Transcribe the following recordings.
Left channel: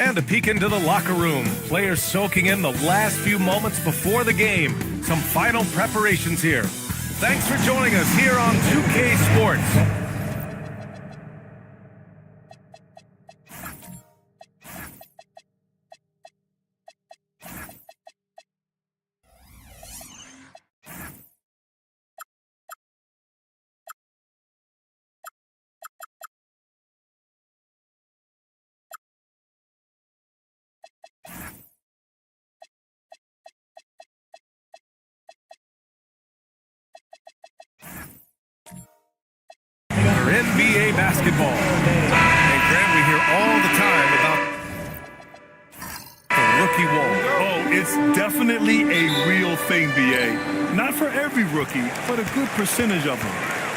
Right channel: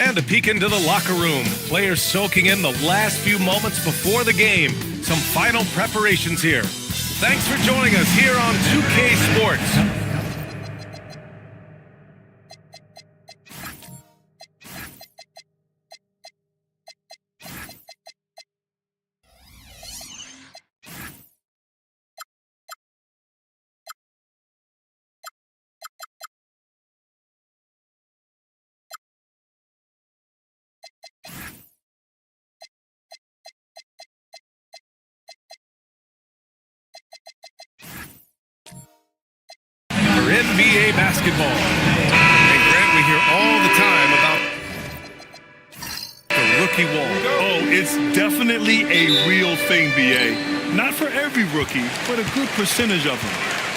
And a peek into the locker room. Players soaking in the last few moments before the game. Some final preparations here. Thanks for joining us here on 2K Sports. For NBA basketball. And Grant, we hear all the time about the rookie wall. Oh, it's definitely a real thing, BA. Not for every rookie, but a good percentage of them.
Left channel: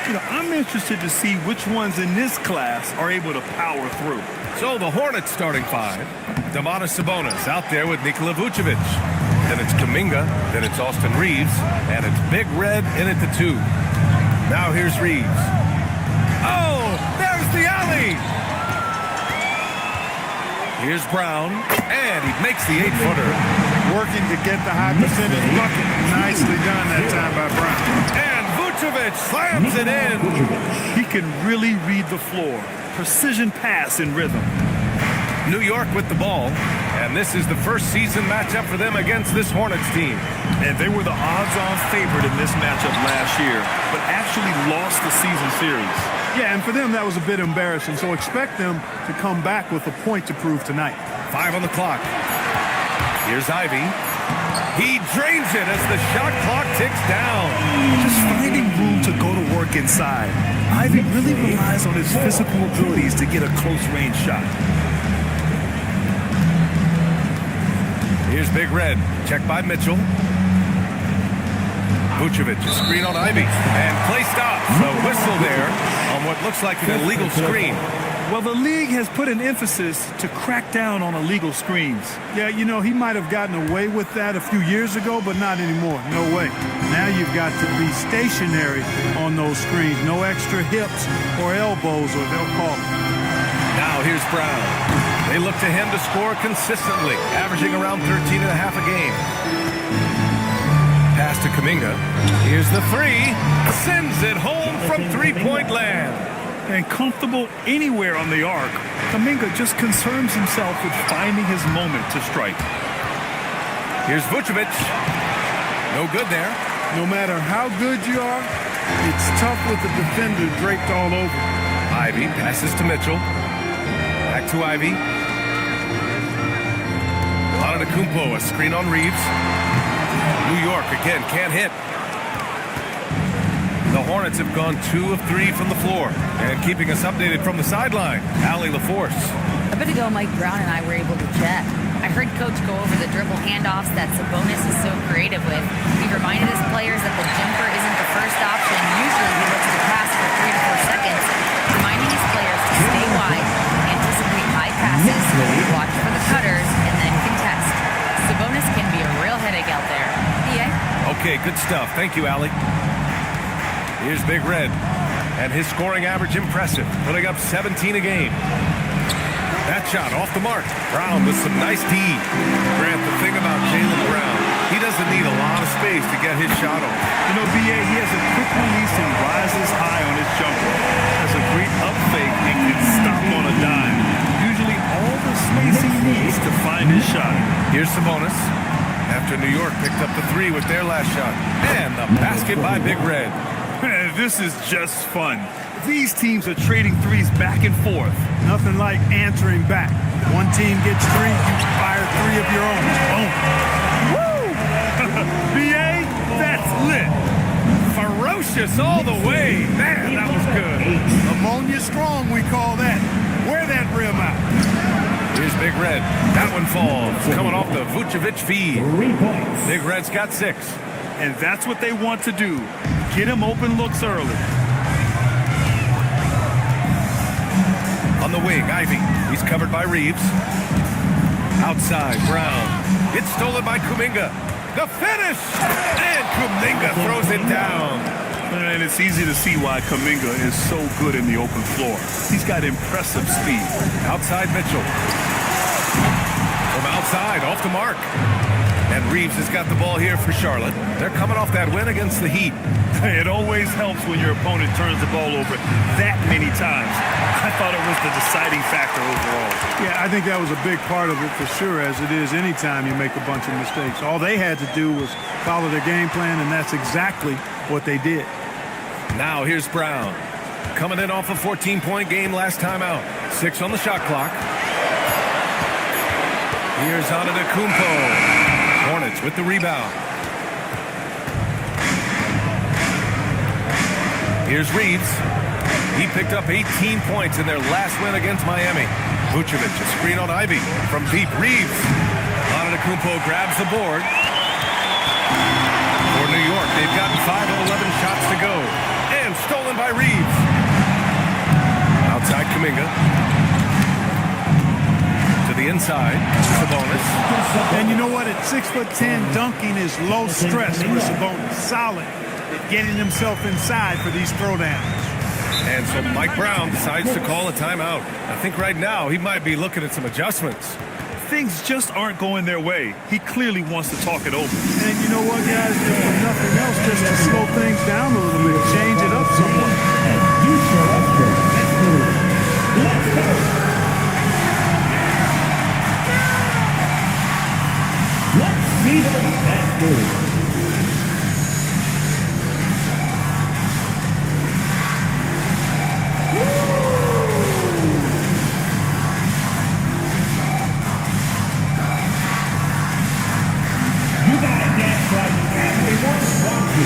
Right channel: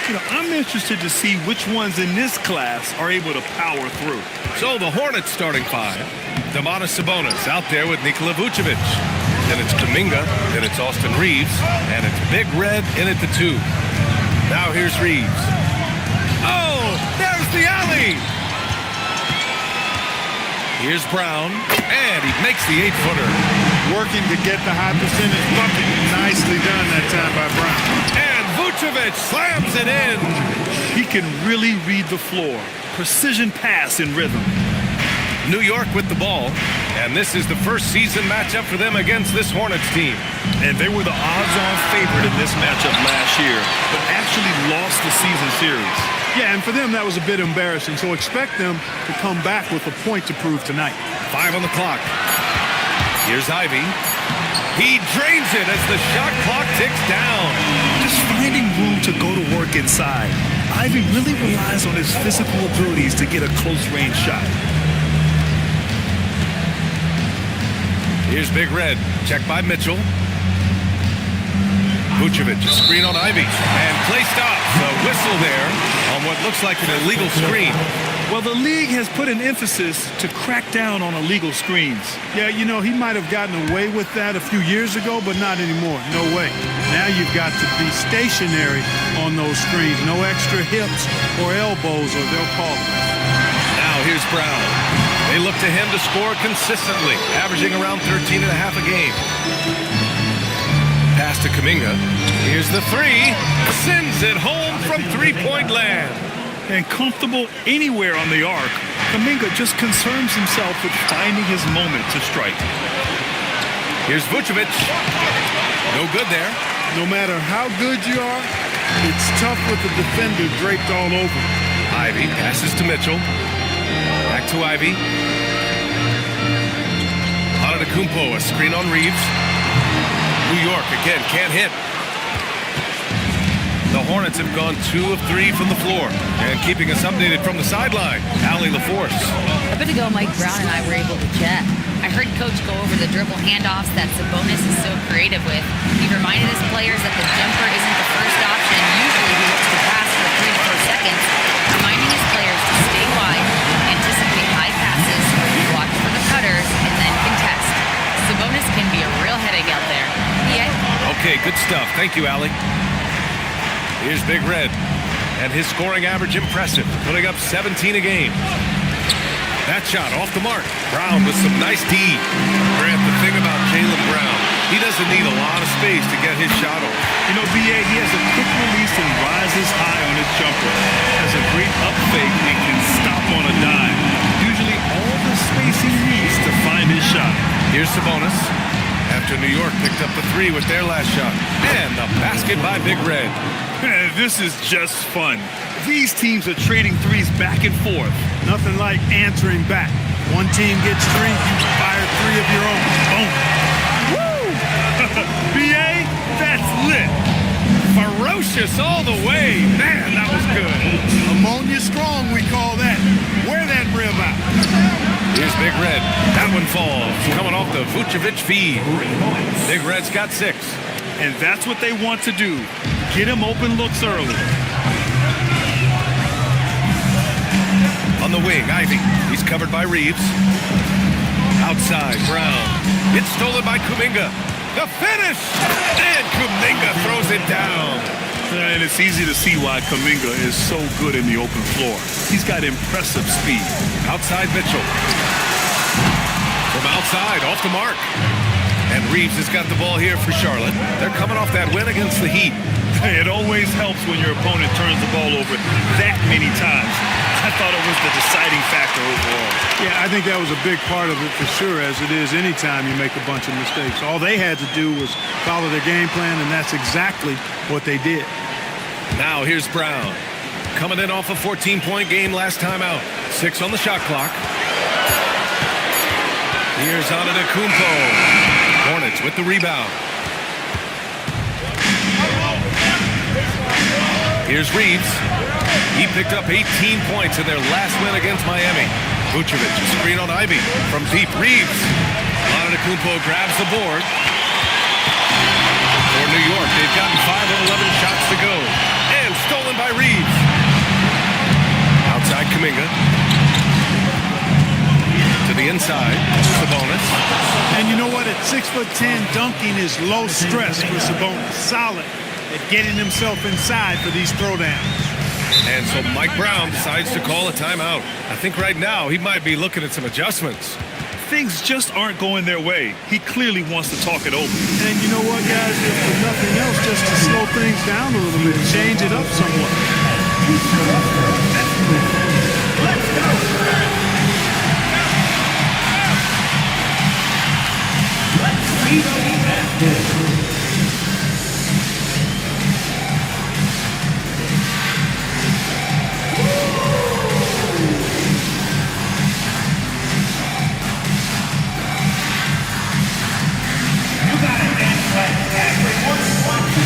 You know, I'm interested to see which ones in this class are able to power through. So the Hornets starting five. Domantas Sabonis out there with Nikola Vucevic. Then it's Kuminga, then it's Austin Reeves, and it's Big Red in at the 2. Now here's Reeves. Oh, there's the alley! Here's Brown, and he makes the 8-footer. Working to get the high percentage bucket. Nicely done that time by Brown. And Vucevic slams it in. He can really read the floor. Precision pass in rhythm. New York with the ball, and this is the first season matchup for them against this Hornets team. And they were the odds-on favorite in this matchup last year, but actually lost the season series. Yeah, and for them, that was a bit embarrassing, so expect them to come back with a point to prove tonight. 5 on the clock. Here's Ivy. He drains it as the shot clock ticks down. Just finding room to go to work inside. Ivy really relies on his physical abilities to get a close-range shot. Here's Big Red. Checked by Mitchell. Vucevic, a screen on Ivy. And play stops. A whistle there on what looks like an illegal screen. Well, the league has put an emphasis to crack down on illegal screens. Yeah, you know, he might have gotten away with that a few years ago, but not anymore. No way. Now you've got to be stationary on those screens. No extra hips or elbows, or they'll call it. Now here's Brown. They look to him to score consistently, averaging around 13.5 a game. Pass to Kuminga. Here's the 3. Sends it home from three-point land. And comfortable anywhere on the arc, Kuminga just concerns himself with finding his moment to strike. Here's Vucevic. No good there. No matter how good you are, it's tough with the defender draped all over. Ivy passes to Mitchell. Back to Ivy. Antetokounmpo, a screen on Reeves. New York again can't hit. The Hornets have gone 2 of 3 from the floor. And keeping us updated from the sideline, Allie LaForce. A bit ago, Mike Brown and I were able to chat. I heard Coach go over the dribble handoffs that Sabonis is so creative with. He reminded his players that the jumper isn't the first option. Usually he looks to pass for 3 to 4 seconds, reminding his players to stay wide, anticipate high passes, watch for the cutters, and then contest. Sabonis can be a real headache out there. Yeah. Okay, good stuff. Thank you, Allie. Here's Big Red, and his scoring average impressive, putting up 17 a game. That shot off the mark. Brown with some nice D. Grant, the thing about Jaylen Brown, he doesn't need a lot of space to get his shot off. You know, BA, he has a quick release and rises high on his jumper. Has a great up fake and can stop on a dime. Usually all the space he needs to find his shot. Here's Sabonis. After New York picked up the 3 with their last shot. And the basket by Big Red. This is just fun. These teams are trading threes back and forth. Nothing like answering back. One team gets 3, you fire 3 of your own. Boom. Woo! BA, that's lit. Ferocious all the way. Man, that was good. Ammonia strong, we call that. Wear that rim out. Here's Big Red. That one falls. Coming off the Vucevic feed. Big Red's got 6. And that's what they want to do. Get him open looks early. On the wing, Ivy. He's covered by Reeves. Outside, Brown. It's stolen by Kuminga. The finish! And Kuminga throws it down. And it's easy to see why Kuminga is so good in the open floor. He's got impressive speed. Outside Mitchell. From outside, off the mark. And Reeves has got the ball here for Charlotte. They're coming off that win against the Heat. It always helps when your opponent turns the ball over that many times. I thought it was the deciding factor overall. Yeah, I think that was a big part of it for sure, as it is anytime you make a bunch of mistakes. All they had to do was follow their game plan, and that's exactly what they did. Now here's Brown. Coming in off a 14-point game last time out. 6 on the shot clock. Here's Antetokounmpo. Hornets with the rebound. Here's Reeves. He picked up 18 points in their last win against Miami. Vucevic, a screen on Ivy. From deep, Reeves. Antetokounmpo grabs the board. For New York, they've gotten 5 of 11 shots to go. And stolen by Reeves. Outside Kuminga. To the inside, Sabonis. And you know what? At 6'10", dunking is low stress for Sabonis. Solid at getting himself inside for these throwdowns. And so Mike Brown decides to call a timeout. I think right now he might be looking at some adjustments. Things just aren't going their way. He clearly wants to talk it over. And you know what, guys? If for nothing else, just to slow things down a little bit, change it up somewhat. Let's go. Let's see the basket. You got it, dance like everyone wants you.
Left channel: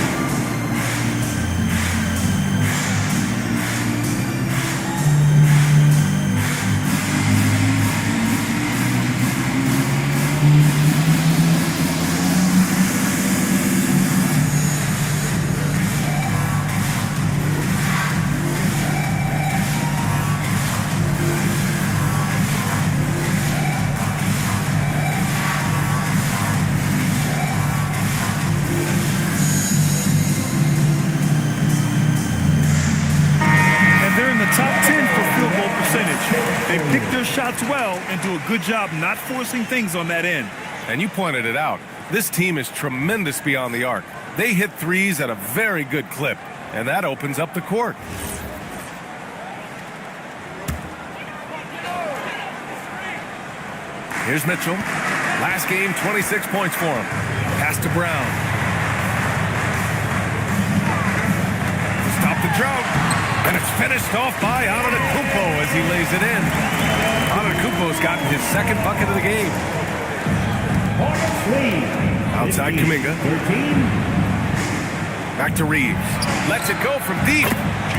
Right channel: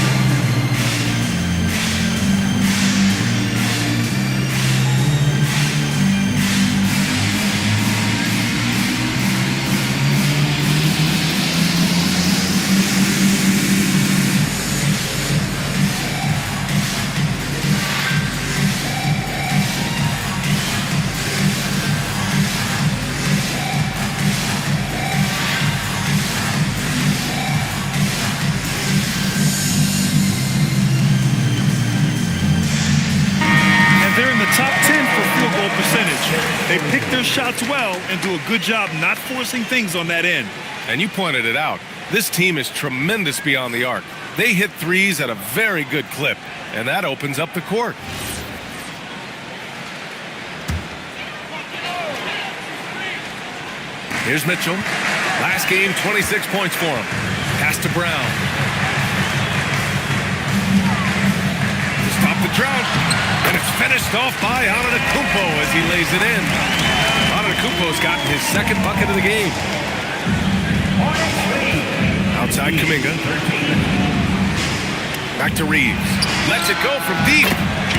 They're in the top 10 for field goal percentage. They pick their shots well and do a good job not forcing things on that end. And you pointed it out. This team is tremendous beyond the arc. They hit threes at a very good clip, and that opens up the court. Here's Mitchell. Last game, 26 points for him. Pass to Brown. To stop the drought. And it's finished off by Antetokounmpo as he lays it in. Antetokounmpo's gotten his second bucket of the game. Outside Kuminga. Back to Reeves. Lets it go from deep.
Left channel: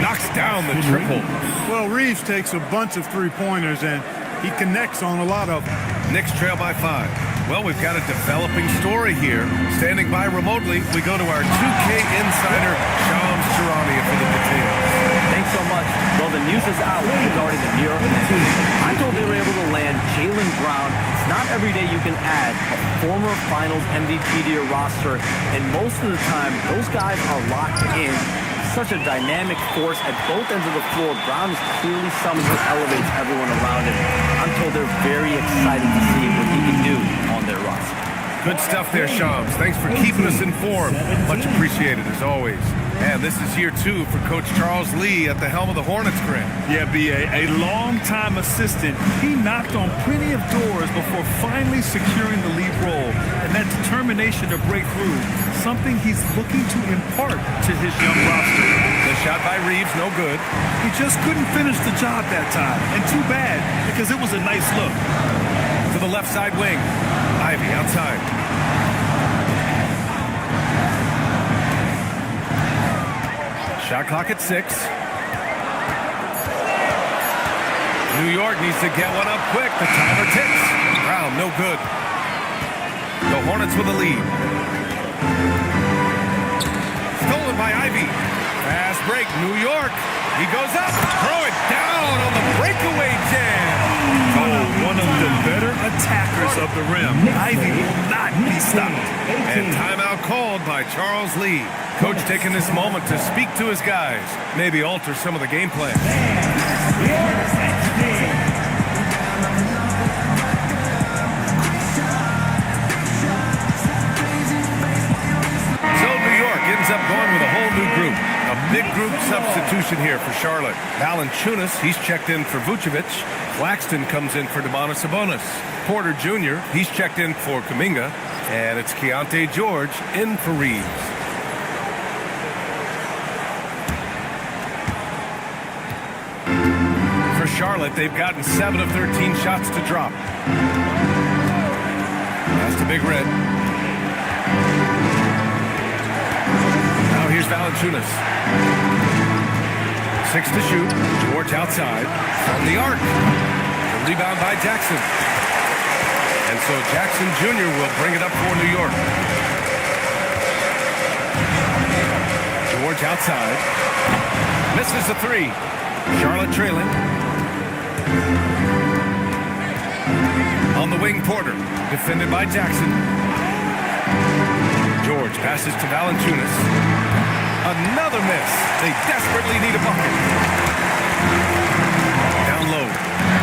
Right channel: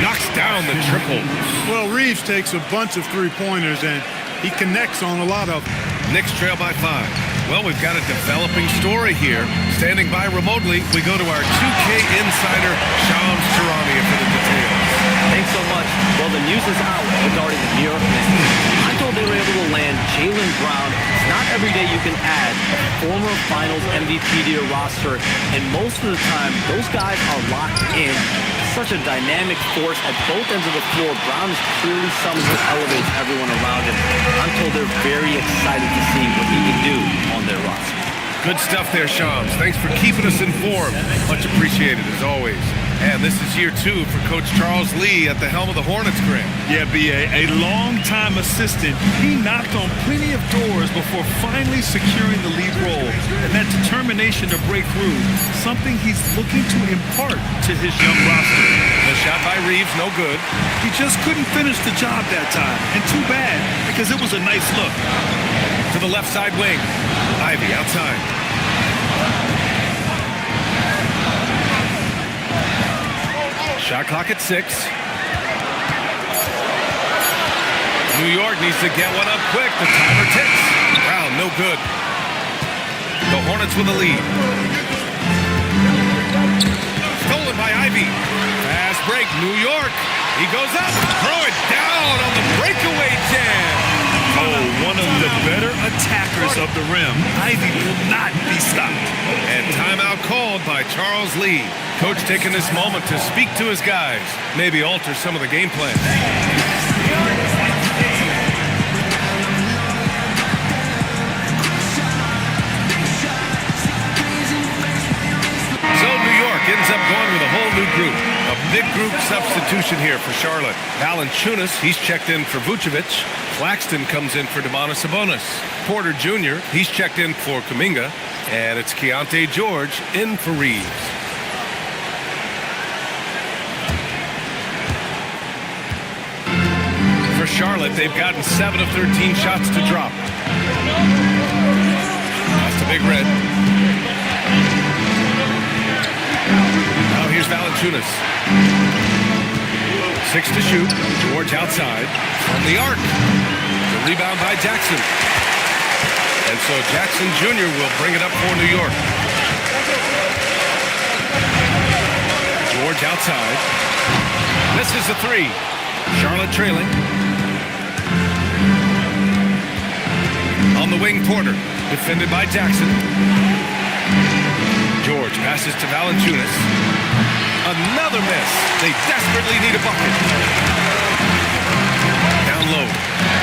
Knocks down the triple. Well, Reeves takes a bunch of three-pointers, and he connects on a lot of them. Knicks trail by 5. Well, we've got a developing story here. Standing by remotely, we go to our 2K insider, Shams Charania, for the details. Thanks so much. Well, the news is out regarding the New York Knicks. I'm told they were able to land Jaylen Brown. It's not every day you can add a former Finals MVP to your roster, and most of the time, those guys are locked in. Such a dynamic force at both ends of the floor. Brown is clearly someone who elevates everyone around him. I'm told they're very excited to see what he can do on their roster. Good stuff there, Shams. Thanks for keeping us informed. Much appreciated, as always. And this is year 2 for Coach Charles Lee at the helm of the Hornets, Grant. Yeah, B.A., a long-time assistant. He knocked on plenty of doors before finally securing the lead role. And that determination to break through, something he's looking to impart to his young roster. The shot by Reeves, no good. He just couldn't finish the job that time. And too bad, because it was a nice look. To the left side wing. Ivy outside. Shot clock at 6. New York needs to get one up quick. The timer ticks. Brown, no good. The Hornets with the lead. Stolen by Ivy. Fast break, New York. He goes up, throw it down on the breakaway jam. Oh, one of the better attackers of the rim. Ivy will not be stopped. And timeout called by Charles Lee. Coach taking this moment to speak to his guys, maybe alter some of the game plan. ends up going with a whole new group. A big group substitution here for Charlotte. Valanciunas, he's checked in for Vucevic. Claxton comes in for Domantas Sabonis. Porter Jr., he's checked in for Kuminga. And it's Keontae George in for Reeves. For Charlotte, they've gotten 7 of 13 shots to drop. That's the Big Red. Now here's Valanciunas. 6 to shoot. George outside from the arc. The rebound by Jackson. And so Jackson Jr. will bring it up for New York. George outside. Misses the 3. Charlotte trailing. On the wing, Porter. Defended by Jackson. George passes to Valanciunas. Another miss. They desperately need a bucket. Down low.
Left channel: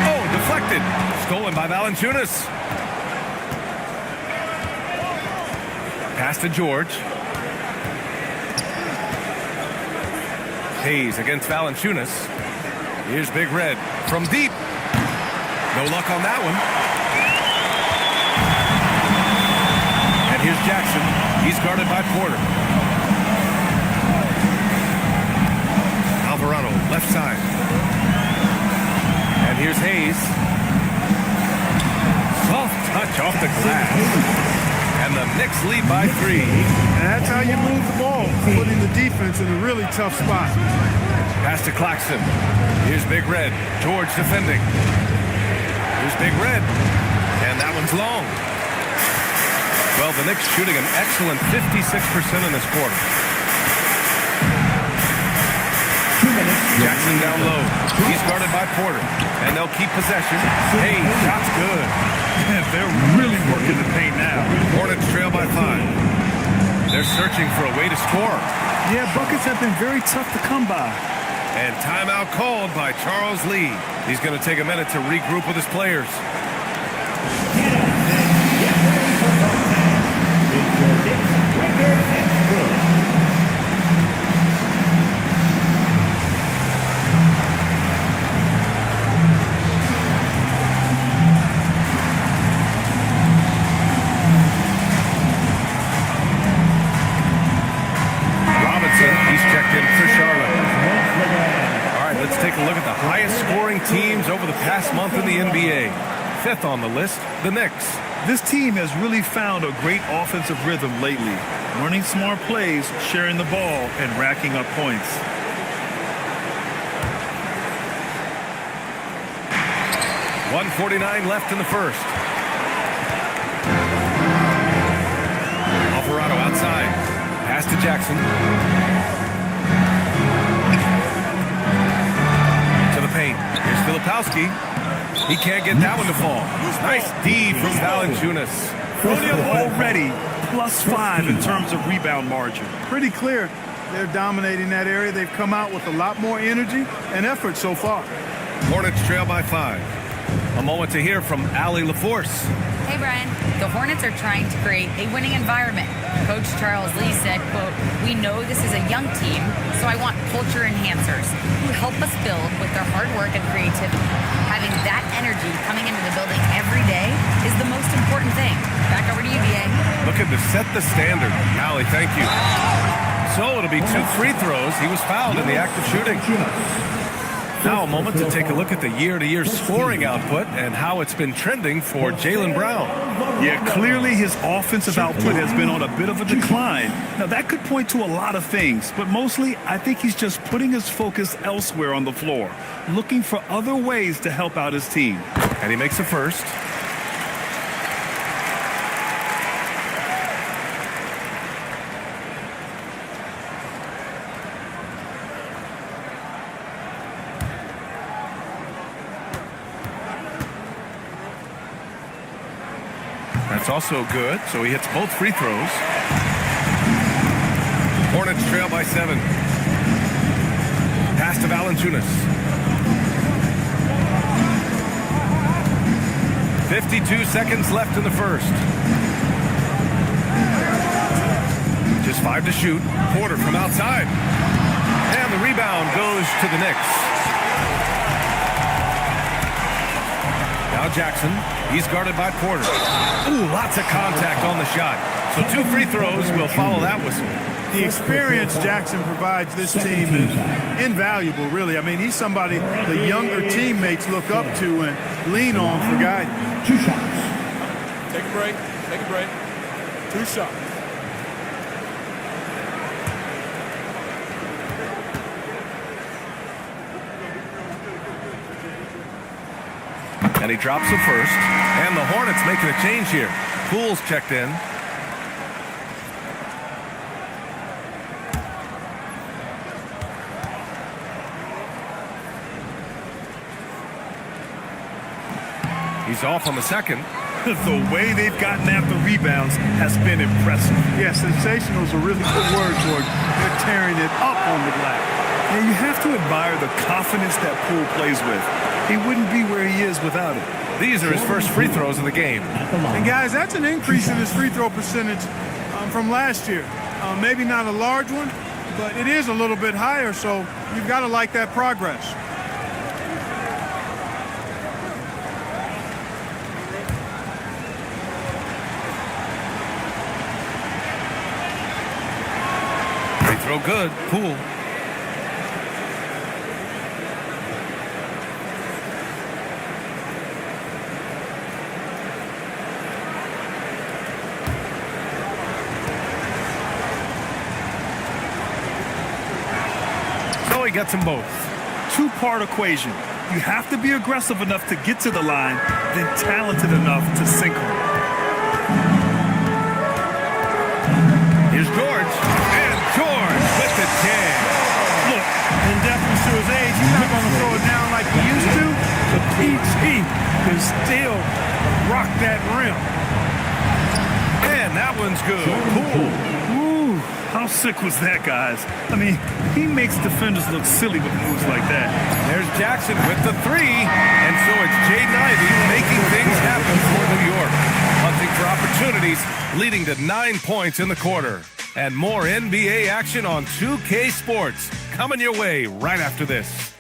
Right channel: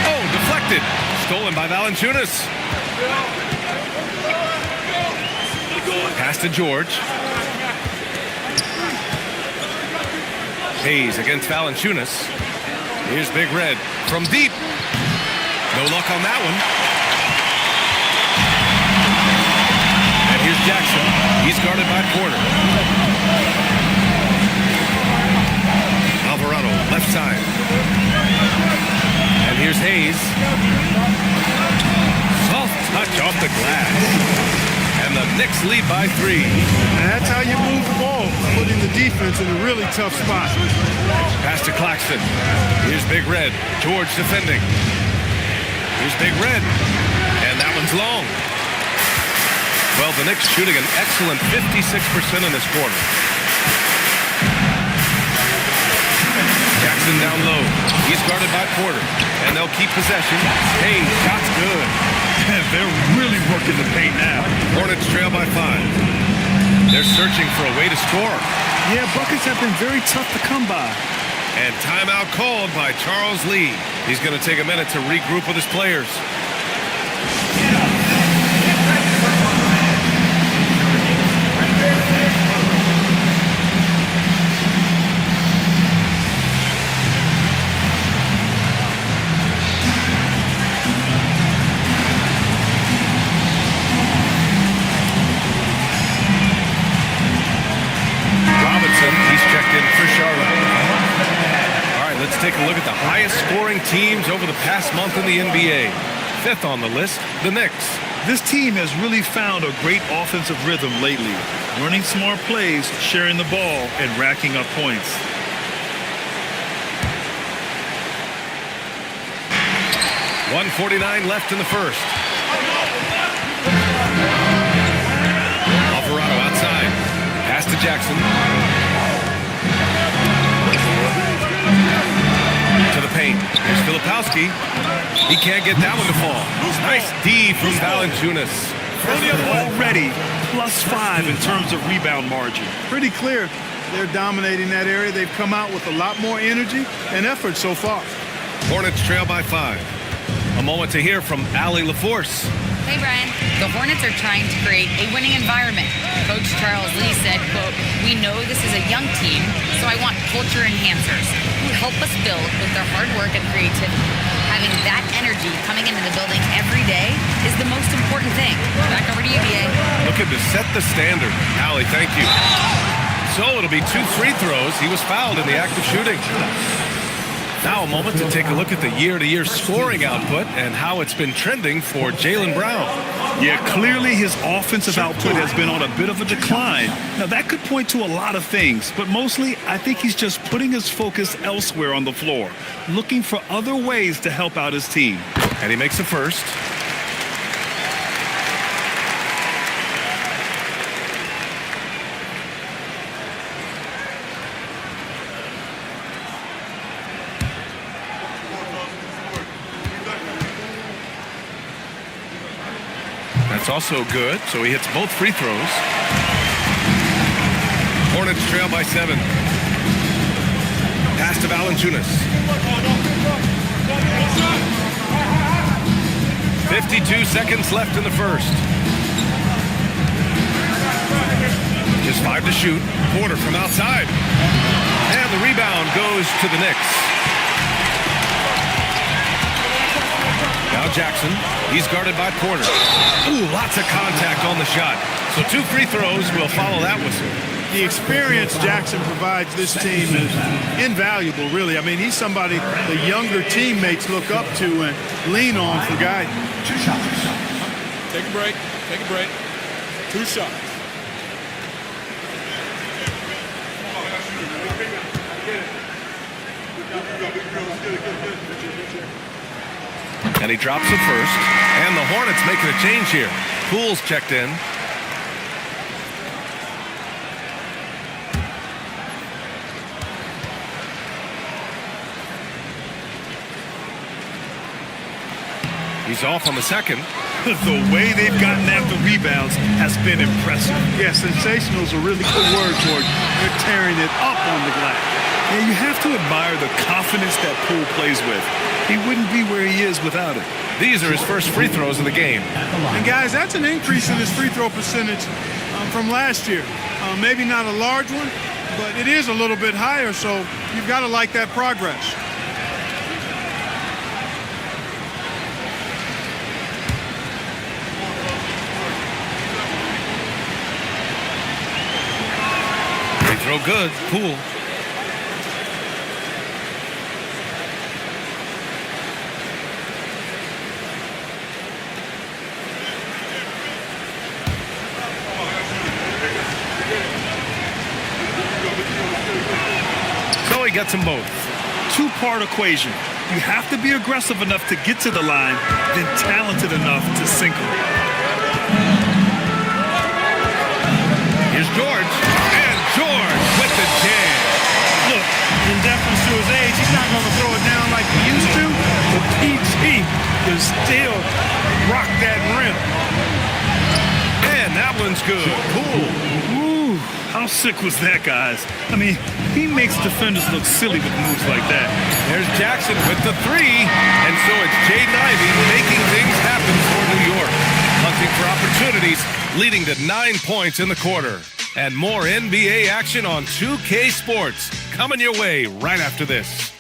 Oh, deflected. Stolen by Valanciunas. Pass to George. Hayes against Valanciunas. Here's Big Red from deep. No luck on that one. And here's Jackson. He's guarded by Porter. Alvarado, left side. And here's Hayes. Soft touch off the glass. And the Knicks lead by 3. And that's how you move the ball, putting the defense in a really tough spot. Pass to Claxton. Here's Big Red. George defending. Here's Big Red. And that one's long. Well, the Knicks shooting an excellent 56% in this quarter. Jackson down low. He's guarded by Porter. And they'll keep possession. Hey, shot's good. They're really working the paint now. Hornets trail by 5. They're searching for a way to score. Yeah, buckets have been very tough to come by. And timeout called by Charles Lee. He's going to take a minute to regroup with his players. He's checked in for Charlotte. All right, let's take a look at the highest scoring teams over the past month in the NBA. 5th on the list, the Knicks. This team has really found a great offensive rhythm lately, running smart plays, sharing the ball, and racking up points. .149 left in the first. Alvarado outside. Pass to Jackson. To the paint. Here's Filipowski. He can't get that one to fall. Nice D from Valanciunas. Already +5 in terms of rebound margin. Pretty clear they're dominating that area. They've come out with a lot more energy and effort so far. Hornets trail by 5. A moment to hear from Allie LaForce. Hey, Brian. The Hornets are trying to create a winning environment. Coach Charles Lee said, quote, "We know this is a young team, so I want culture enhancers who help us build with their hard work and creativity. Having that energy coming into the building every day is the most important thing." Back over to you, BA. Looking to set the standard. Allie, thank you. So it'll be 2 free throws. He was fouled in the act of shooting. Now a moment to take a look at the year-to-year scoring output and how it's been trending for Jaylen Brown. Yeah, clearly his offensive output has been on a bit of a decline. Now, that could point to a lot of things, but mostly I think he's just putting his focus elsewhere on the floor, looking for other ways to help out his team. And he makes the first. That's also good, so he hits both free throws. Hornets trail by 7. Pass to Valanciunas. 52 seconds left in the first. Just 5 to shoot. Porter from outside. And the rebound goes to the Knicks. Now Jackson. He's guarded by Porter. Ooh, lots of contact on the shot. So 2 free throws will follow that whistle. The experience Jackson provides this team is invaluable, really. I mean, he's somebody the younger teammates look up to and lean on for guidance. 2 shots. Take a break. Take a break. 2 shots. And he drops the first. And the Hornets making a change here. Poole's checked in. He's off on the second. The way they've gotten after rebounds has been impressive. Yeah, sensational is a really good word for it. They're tearing it up on the glass. Yeah, you have to admire the confidence that Poole plays with. He wouldn't be where he is without it. These are his first free throws of the game. And guys, that's an increase in his free throw percentage from last year. Maybe not a large one, but it is a little bit higher, so you've got to like that progress. Free throw good. Poole. So he gets them both. 2-part equation. You have to be aggressive enough to get to the line, then talented enough to sink them. Here's George. And George with the jam. Look, in deference to his age, he's not going to throw it down like he used to, but PG can still rock that rim. And that one's good. Poole. Ooh, how sick was that, guys? I mean, he makes defenders look silly with moves like that. There's Jackson with the 3. And so it's Jaden Ivey making things happen for New York. Hunting for opportunities, leading to 9 points in the quarter. And more NBA action on 2K Sports coming your way right after this.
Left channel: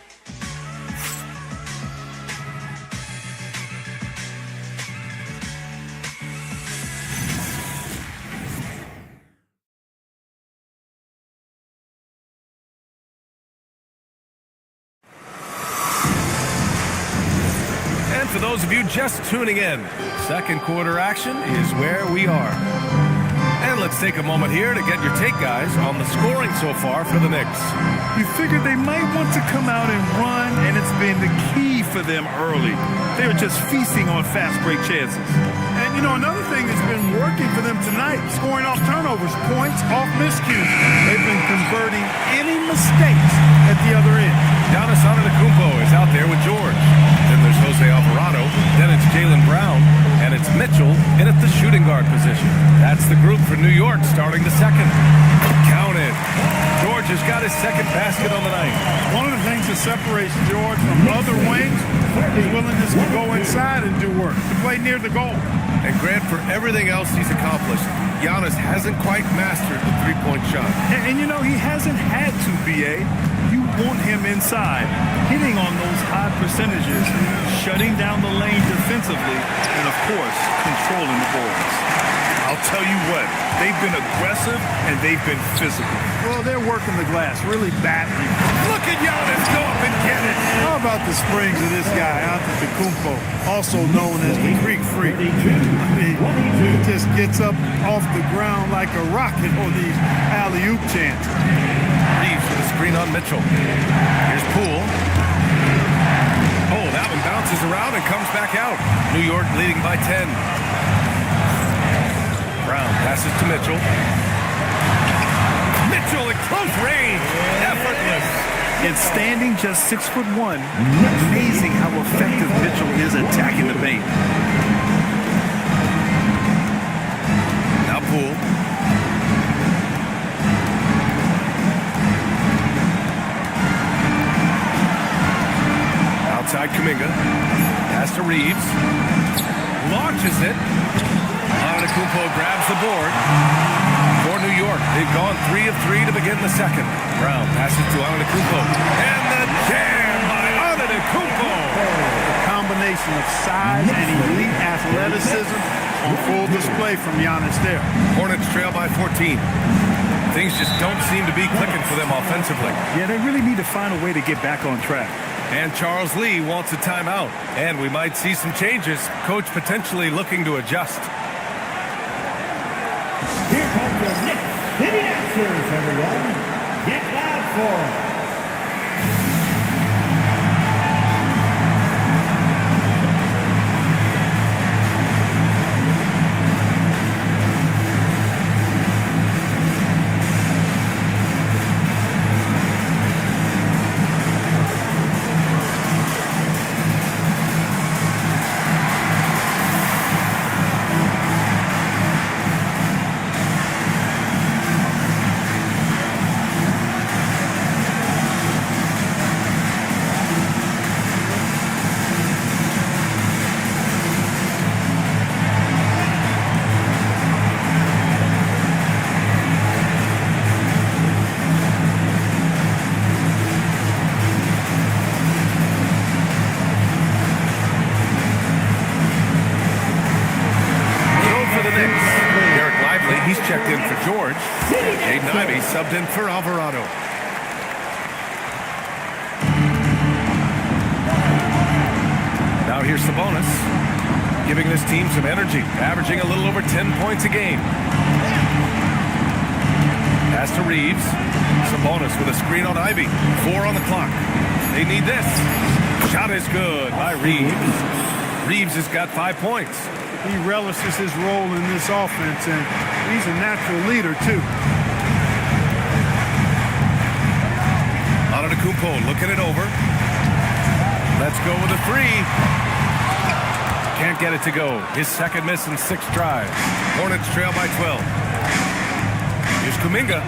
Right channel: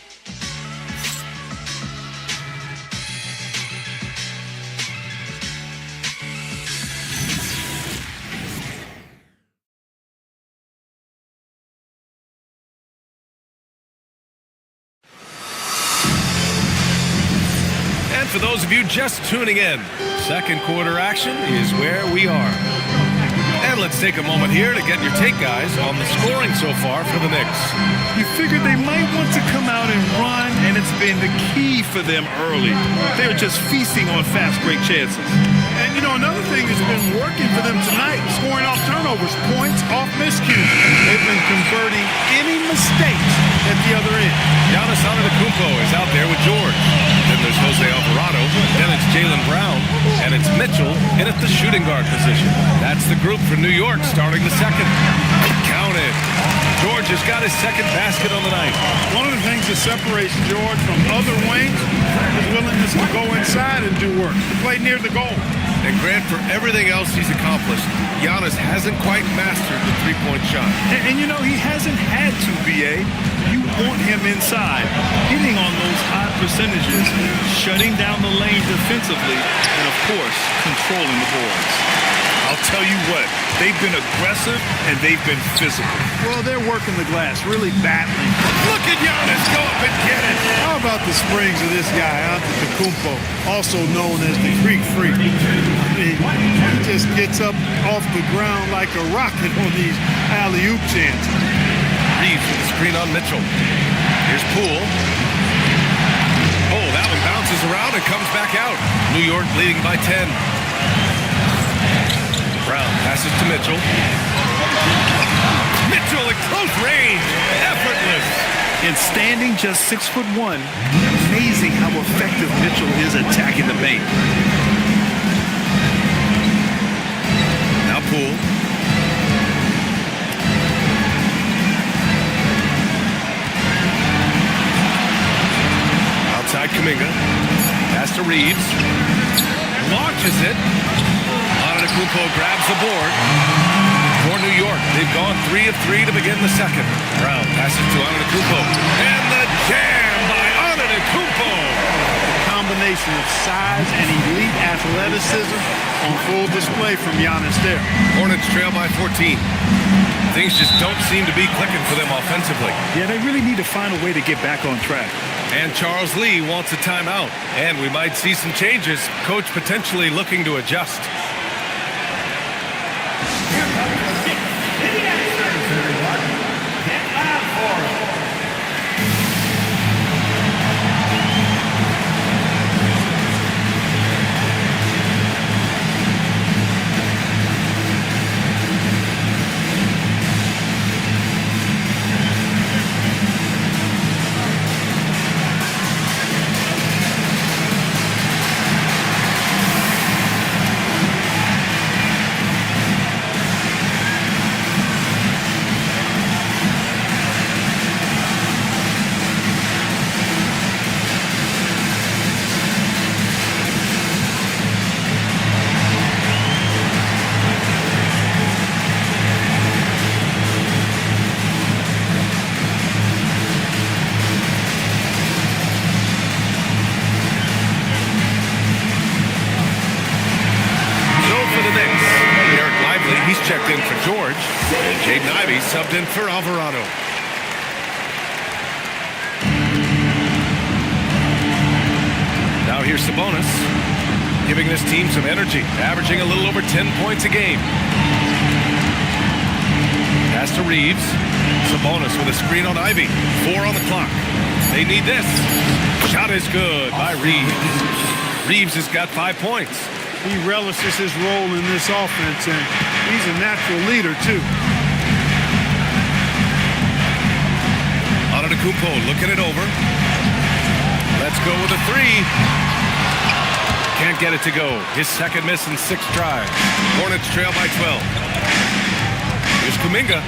And for those of you just tuning in, second quarter action is where we are. And let's take a moment here to get your take, guys, on the scoring so far for the Knicks. You figured they might want to come out and run, and it's been the key for them early. They're just feasting on fast break chances. And, you know, another thing that's been working for them tonight, scoring off turnovers, points off miscues. They've been converting any mistakes at the other end. Giannis Antetokounmpo is out there with George. Then there's Jose Alvarado. Then it's Jaylen Brown. And it's Mitchell in at the shooting guard position. That's the group for New York starting the second. Counted. George has got his second basket on the night. One of the things that separates George from other wings is willingness to go inside and do work, to play near the goal. And Grant, for everything else he's accomplished, Giannis hasn't quite mastered the three-point shot. And you know, he hasn't had to, B.A. You want him inside, hitting on those high percentages, shutting down the lane defensively, and, of course, controlling the boards. I'll tell you what, they've been aggressive and they've been physical. Well, they're working the glass, really battling. Look at Giannis go up and get it. How about the springs of this guy, Antetokounmpo, also known as the Greek Freak? I mean, he just gets up off the ground like a rocket on these alley-oop chances. Reeves with a screen on Mitchell. Here's Poole. Oh, that one bounces around and comes back out. New York leading by 10. Brown passes to Mitchell. Mitchell at close range. Effortless. And standing just 6'1", amazing how effective Mitchell is attacking the paint. Now Poole. Outside Kuminga. Pass to Reeves. Launches it. Antetokounmpo grabs the board. for New York. They've gone 3 of 3 to begin the second. Brown passes to Antetokounmpo. And the jam by Antetokounmpo. The combination of size and elite athleticism on full display from Giannis there. Hornets trail by 14. Things just don't seem to be clicking for them offensively. Yeah, they really need to find a way to get back on track. And Charles Lee wants a timeout. And we might see some changes. Coach potentially looking to adjust. Here comes the Knicks City Xers, everyone. Get loud for them. He's checked in for George, and Jaden Ivey subbed in for Alvarado. Now here's Sabonis, giving this team some energy, averaging a little over 10 points a game. Pass to Reeves. Sabonis with a screen on Ivey. 4 on the clock. They need this. Shot is good by Reeves. Reeves has got 5 points. He relishes his role in this offense, and he's a natural leader, too. Antetokounmpo looking it over. Let's go with a 3. Can't get it to go. His second miss in 6 tries. Hornets trail by 12. Here's Kuminga.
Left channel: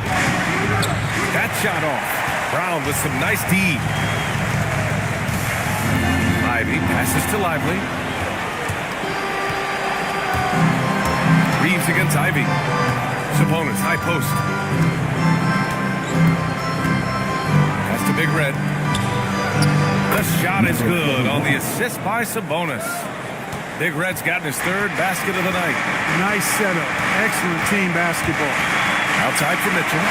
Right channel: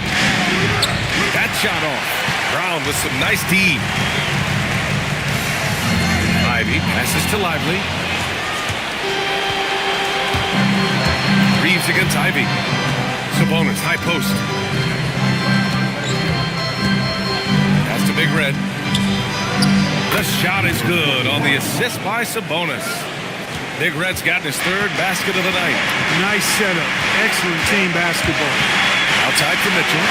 That shot off. Brown with some nice D. Ivey passes to Lively. Reeves against Ivey. Sabonis, high post. Pass to Big Red. The shot is good on the assist by Sabonis. Big Red's gotten his 3rd basket of the night. Nice setup. Excellent team basketball. Outside for Mitchell.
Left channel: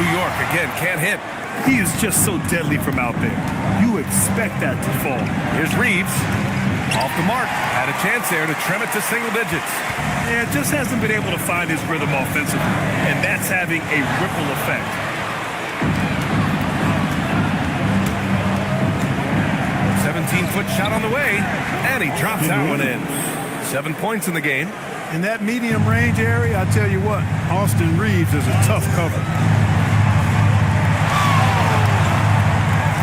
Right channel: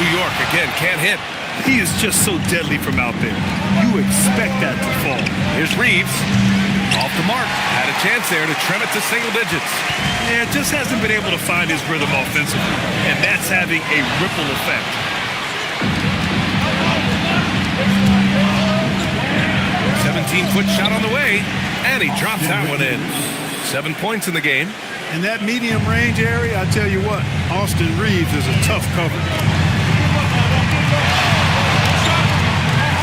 New York again can't hit. He is just so deadly from out there. You expect that to fall. Here's Reeves. Off the mark. Had a chance there to trim it to single digits. Yeah, just hasn't been able to find his rhythm offensively, and that's having a ripple effect. A 17-foot shot on the way, and he drops that one in. 7 points in the game. In that medium range area, I tell you what, Austin Reeves is a tough cover.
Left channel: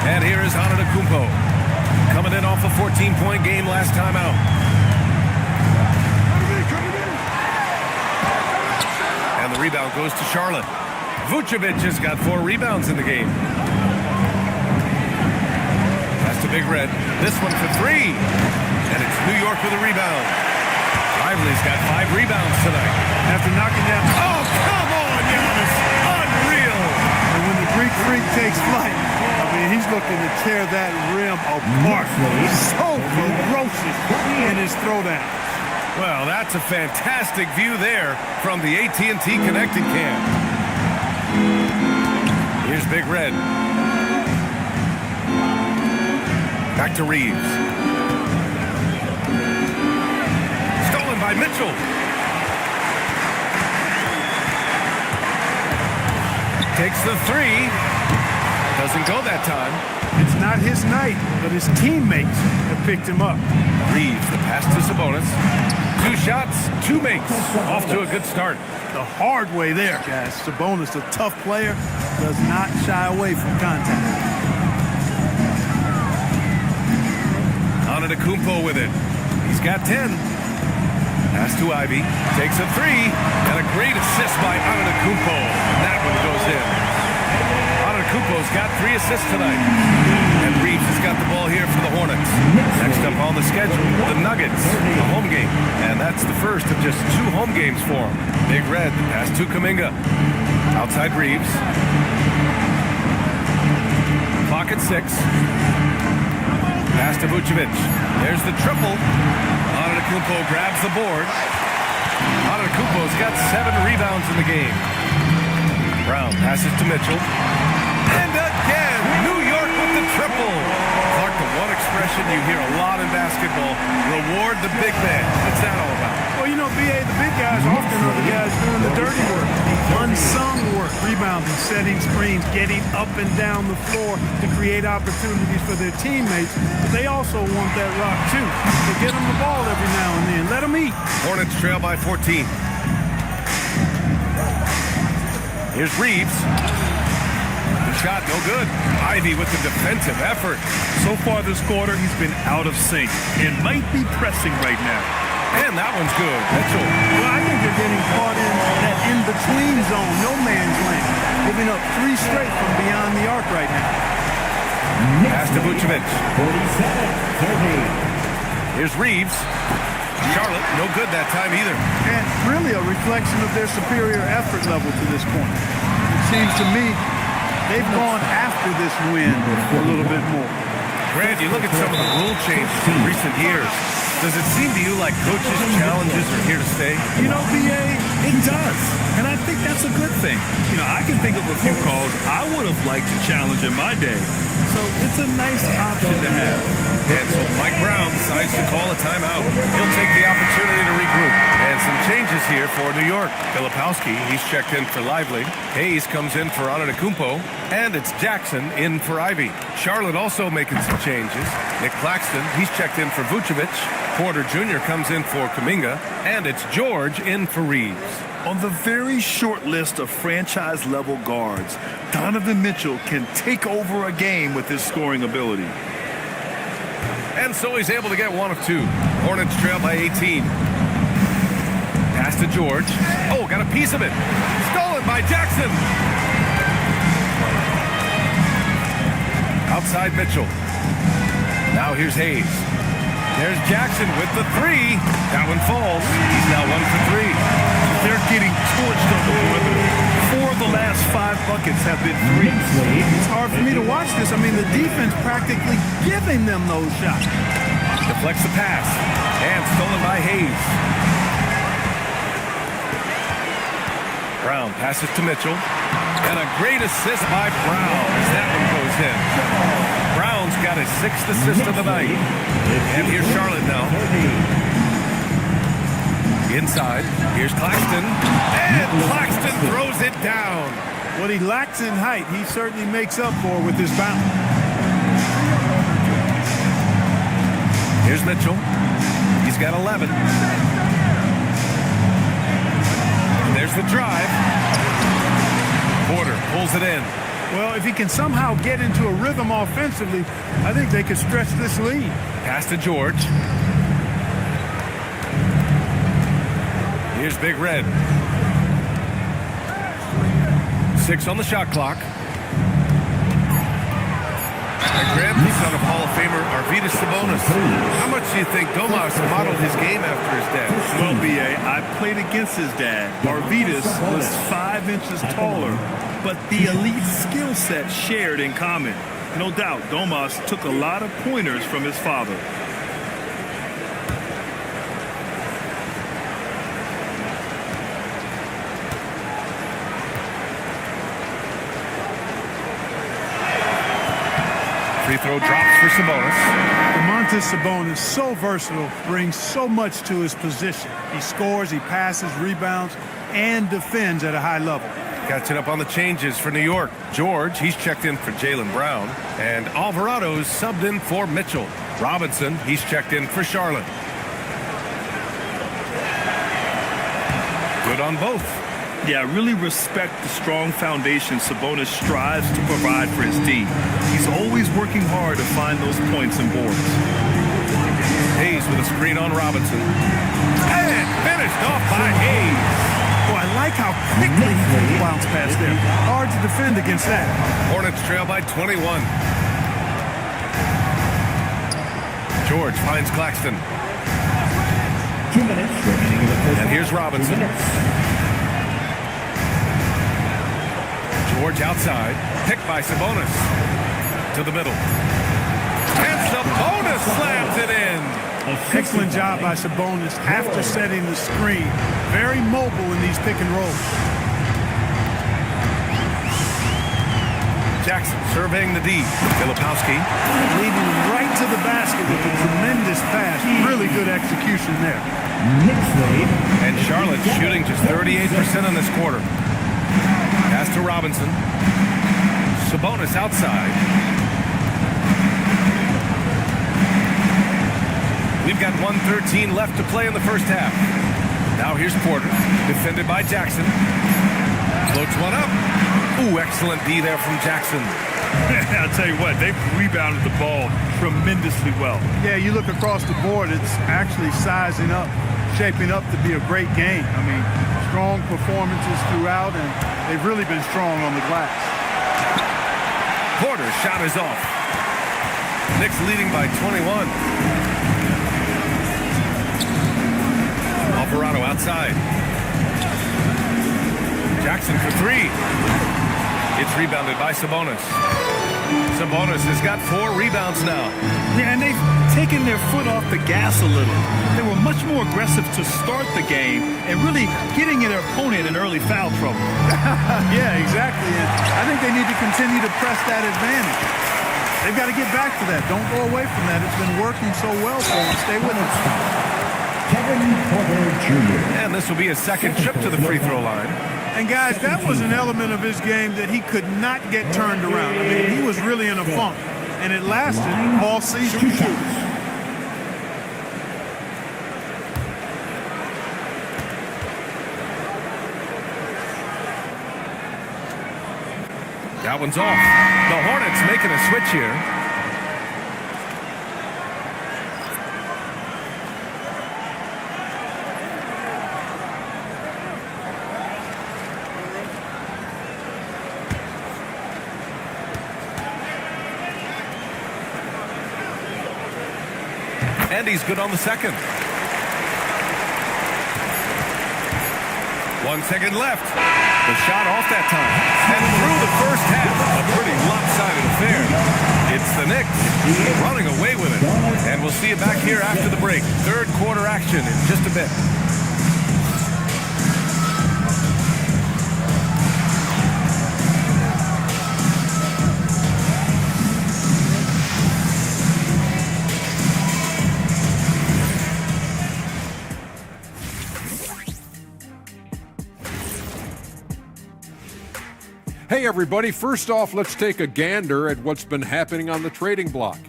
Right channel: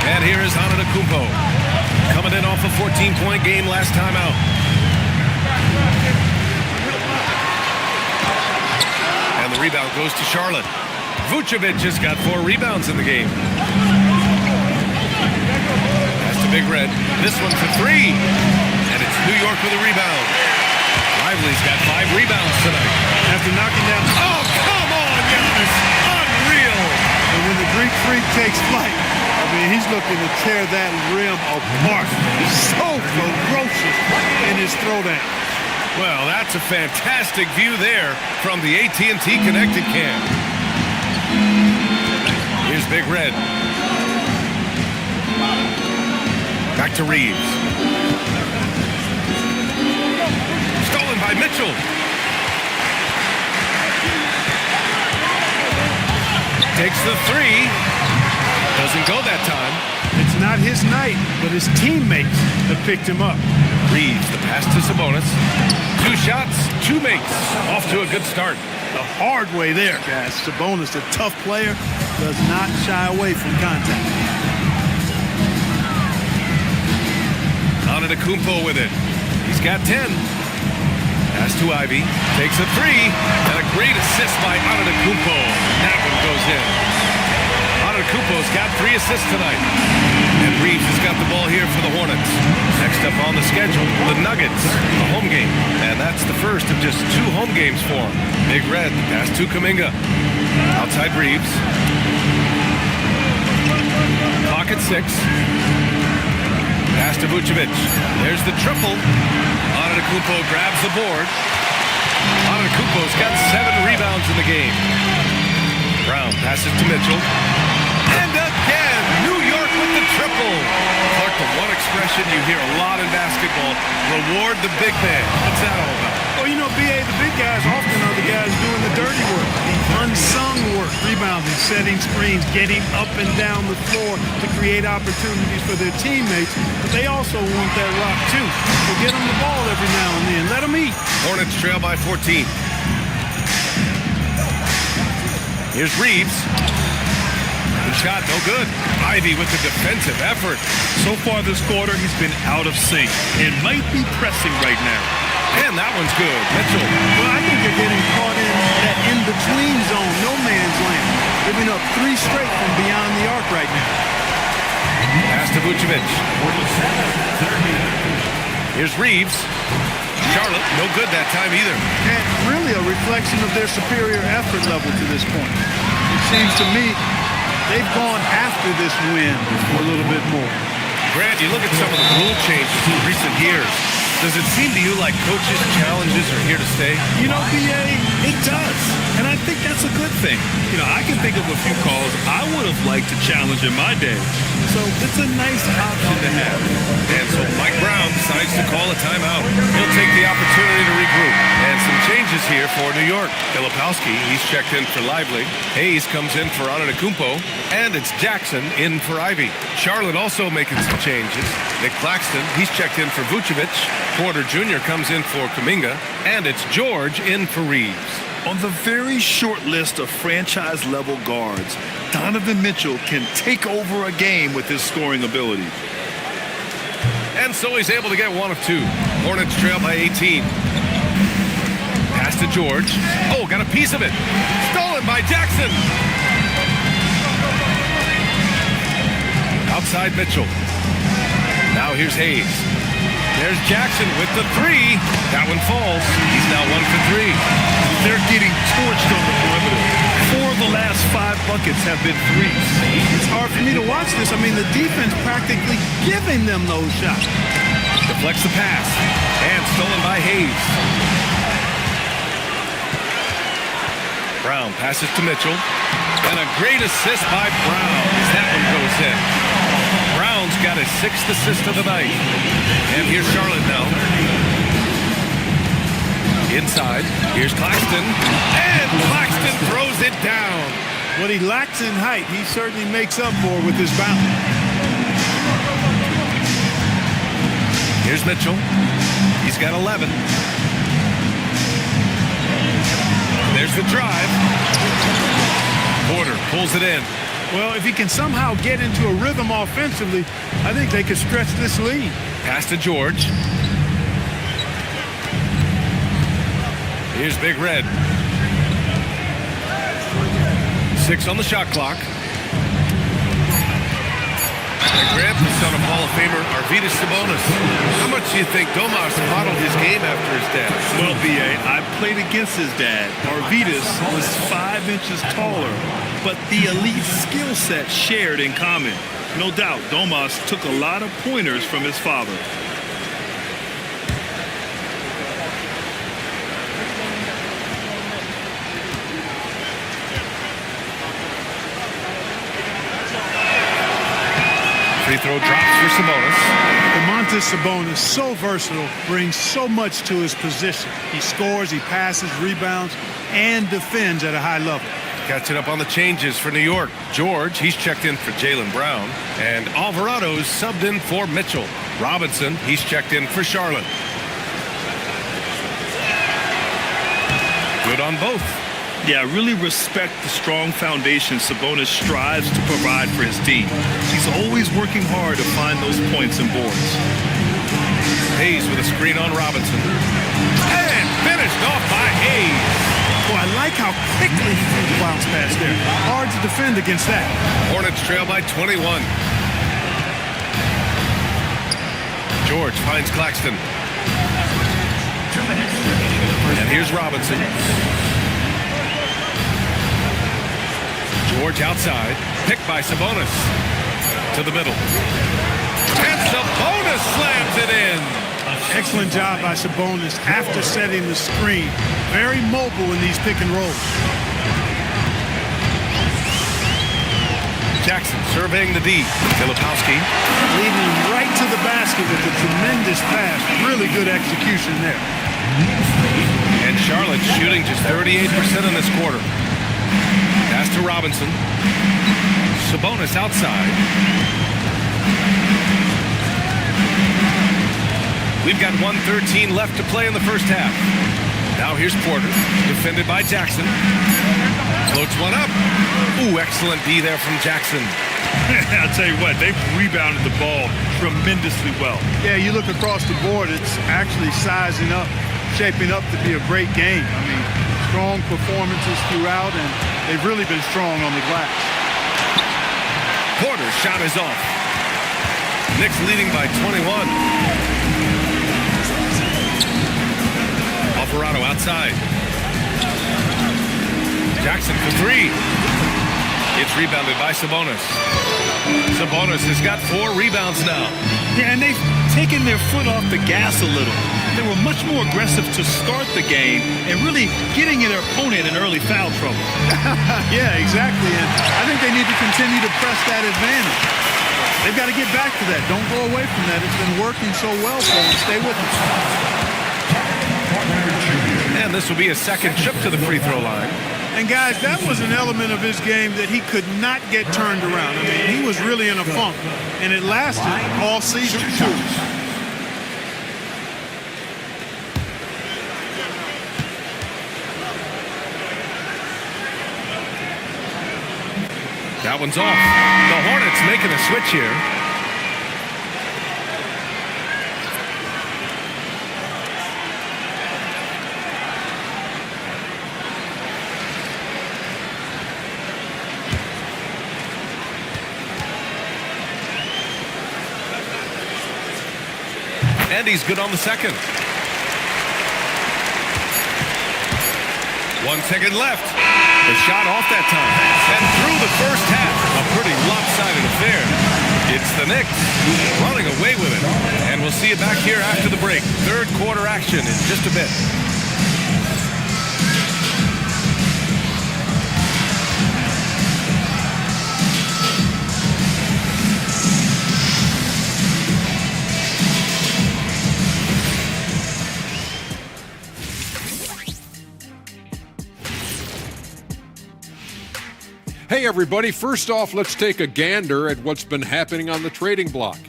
And here is Antetokounmpo, coming in off a 14-point game last time out. And the rebound goes to Charlotte. Vucevic has got 4 rebounds in the game. Pass to Big Red. This one for 3. And it's New York with a rebound. Lively's got 5 rebounds tonight. After knocking down... Oh, come on, Giannis. Unreal. And when the Greek Freak takes flight, I mean, he's looking to tear that rim apart. He's so ferocious in his throwdown. Well, that's a fantastic view there from the AT&T Connected Cam. Here's Big Red. Back to Reeves. Stolen by Mitchell. Takes the 3. Doesn't go that time. It's not his night, but his teammates have picked him up. Reeves, the pass to Sabonis. 2 shots, 2 makes. Off to a good start. The hard way there, guys. Sabonis, a tough player, does not shy away from contact. Antetokounmpo with it. He's got 10. Pass to Ivey. Takes a 3. And a great assist by Antetokounmpo. And that one goes in. Antetokounmpo's got 3 assists tonight. And Reeves has got the ball here for the Hornets. Next up on the schedule, the Nuggets, a home game. And that's the first of just 2 home games for them. Big Red, the pass to Kuminga. Outside Reeves. Clock at 6. Pass to Vucevic. There's the triple. Antetokounmpo grabs the board. Antetokounmpo's got 7 rebounds in the game. Brown passes to Mitchell. And again, New York with the triple. Clark, the one expression you hear a lot in basketball, reward the big man. What's that all about? Well, you know, B.A., the big guys often are the guys doing the dirty work, the unsung work, rebounding, setting screens, getting up and down the floor to create opportunities for their teammates. But they also want that rock, too. So get them the ball every now and then. Let them eat. Hornets trail by 14. Here's Reeves. The shot, no good. Ivy with the defensive effort. So far this quarter, he's been out of sync and might be pressing right now. And that one's good. Mitchell. Well, I think they're getting caught in that in-between zone, no man's land, giving up 3 straight from beyond the arc right now. Pass to Vucevic. 47-30. Here's Reeves. Charlotte, no good that time either. And really a reflection of their superior effort level to this point. It seems to me they've gone after this win a little bit more. Grant, you look at some of the rule changes in recent years. Does it seem to you like coaches' challenges are here to stay? You know, B.A., it does. And I think that's a good thing. You know, I can think of a few calls I would have liked to challenge in my day. So it's a nice option to have. And so Mike Brown decides to call a timeout. He'll take the opportunity to regroup. And some changes here for New York. Filipowski, he's checked in for Lively. Hayes comes in for Antetokounmpo. And it's Jackson in for Ivy. Charlotte also making some changes. Nick Claxton, he's checked in for Vucevic. Porter Jr. comes in for Kuminga. And it's George in for Reeves. On the very short list of franchise-level guards, Donovan Mitchell can take over a game with his scoring ability. And so he's able to get 1 of 2. Hornets trail by 18. Pass to George. Oh, got a piece of it. Stolen by Jackson. Outside Mitchell. Now here's Hayes. There's Jackson with the 3. That one falls. He's now 1 for 3. They're getting torched on the perimeter. 4 of the last 5 buckets have been threes. It's hard for me to watch this. I mean, the defense practically giving them those shots. Deflects the pass. And stolen by Hayes. Brown passes to Mitchell. And a great assist by Brown as that one goes in. Brown's got his 6th assist of the night. And here's Charlotte now. Inside, here's Claxton, and Claxton throws it down. What he lacks in height, he certainly makes up for with his bounce. Here's Mitchell. He's got 11. There's the drive. Porter pulls it in. Well, if he can somehow get into a rhythm offensively, I think they could stretch this lead. Pass to George. Here's Big Red. 6 on the shot clock. And Grant, the son of Hall of Famer Arvydas Sabonis. How much do you think Domas modeled his game after his dad? Well, B.A., I played against his dad. Arvydas was 5 inches taller, but the elite skill set shared in common. No doubt, Domas took a lot of pointers from his father. Free throw drops for Sabonis. Domantas Sabonis, so versatile, brings so much to his position. He scores, he passes, rebounds, and defends at a high level. Catching up on the changes for New York. George, he's checked in for Jaylen Brown. And Alvarado's subbed in for Mitchell. Robinson, he's checked in for Charlotte. Good on both. Yeah, I really respect the strong foundation Sabonis strives to provide for his team. He's always working hard to find those points and boards. Hayes with a screen on Robinson. And finished off by Hayes. Boy, I like how quickly he threw the bounce pass there. Hard to defend against that. Hornets trail by 21. George finds Claxton. 2 minutes remaining in the first And here's half. Robinson. George outside. Picked by Sabonis. To the middle. And Sabonis slams it in. Excellent job by Sabonis after setting the screen. Very mobile in these pick and rolls. Jackson surveying the D. Filipowski. Leading right to the basket with a tremendous pass. Really good execution there. Knicks lead. And Charlotte shooting just 38% in this quarter. Pass to Robinson. Sabonis outside. We've got 1:13 left to play in the first half. Now here's Porter, defended by Jackson. Floats one up. Ooh, excellent D there from Jackson. I'll tell you what, they've rebounded the ball tremendously well. Yeah, you look across the board, it's actually sizing up, shaping up to be a great game. I mean, strong performances throughout, and they've really been strong on the glass. Porter's shot is off. Knicks leading by 21. Alvarado outside. Jackson for three. It's rebounded by Sabonis. Sabonis has got 4 rebounds now. Yeah, and they've taken their foot off the gas a little. They were much more aggressive to start the game and really getting their opponent in early foul trouble. Yeah, exactly. And I think they need to continue to press that advantage. They've got to get back to that. Don't go away from that. It's been working so well for them. Stay with it. Kevin Porter Jr. And this will be his second trip to the free throw line. And guys, that was an element of his game that he could not get turned around. I mean, he was really in a funk, and it lasted all season too. That one's off. The Hornets making a switch here. And he's good on the second. 1 second left. The shot off that time. And through the first half, a pretty lopsided affair. It's the Knicks running away with it. And we'll see you back here after the break. Third quarter action in just a bit. Hey everybody, first off, let's take a gander at what's been happening on the trading block.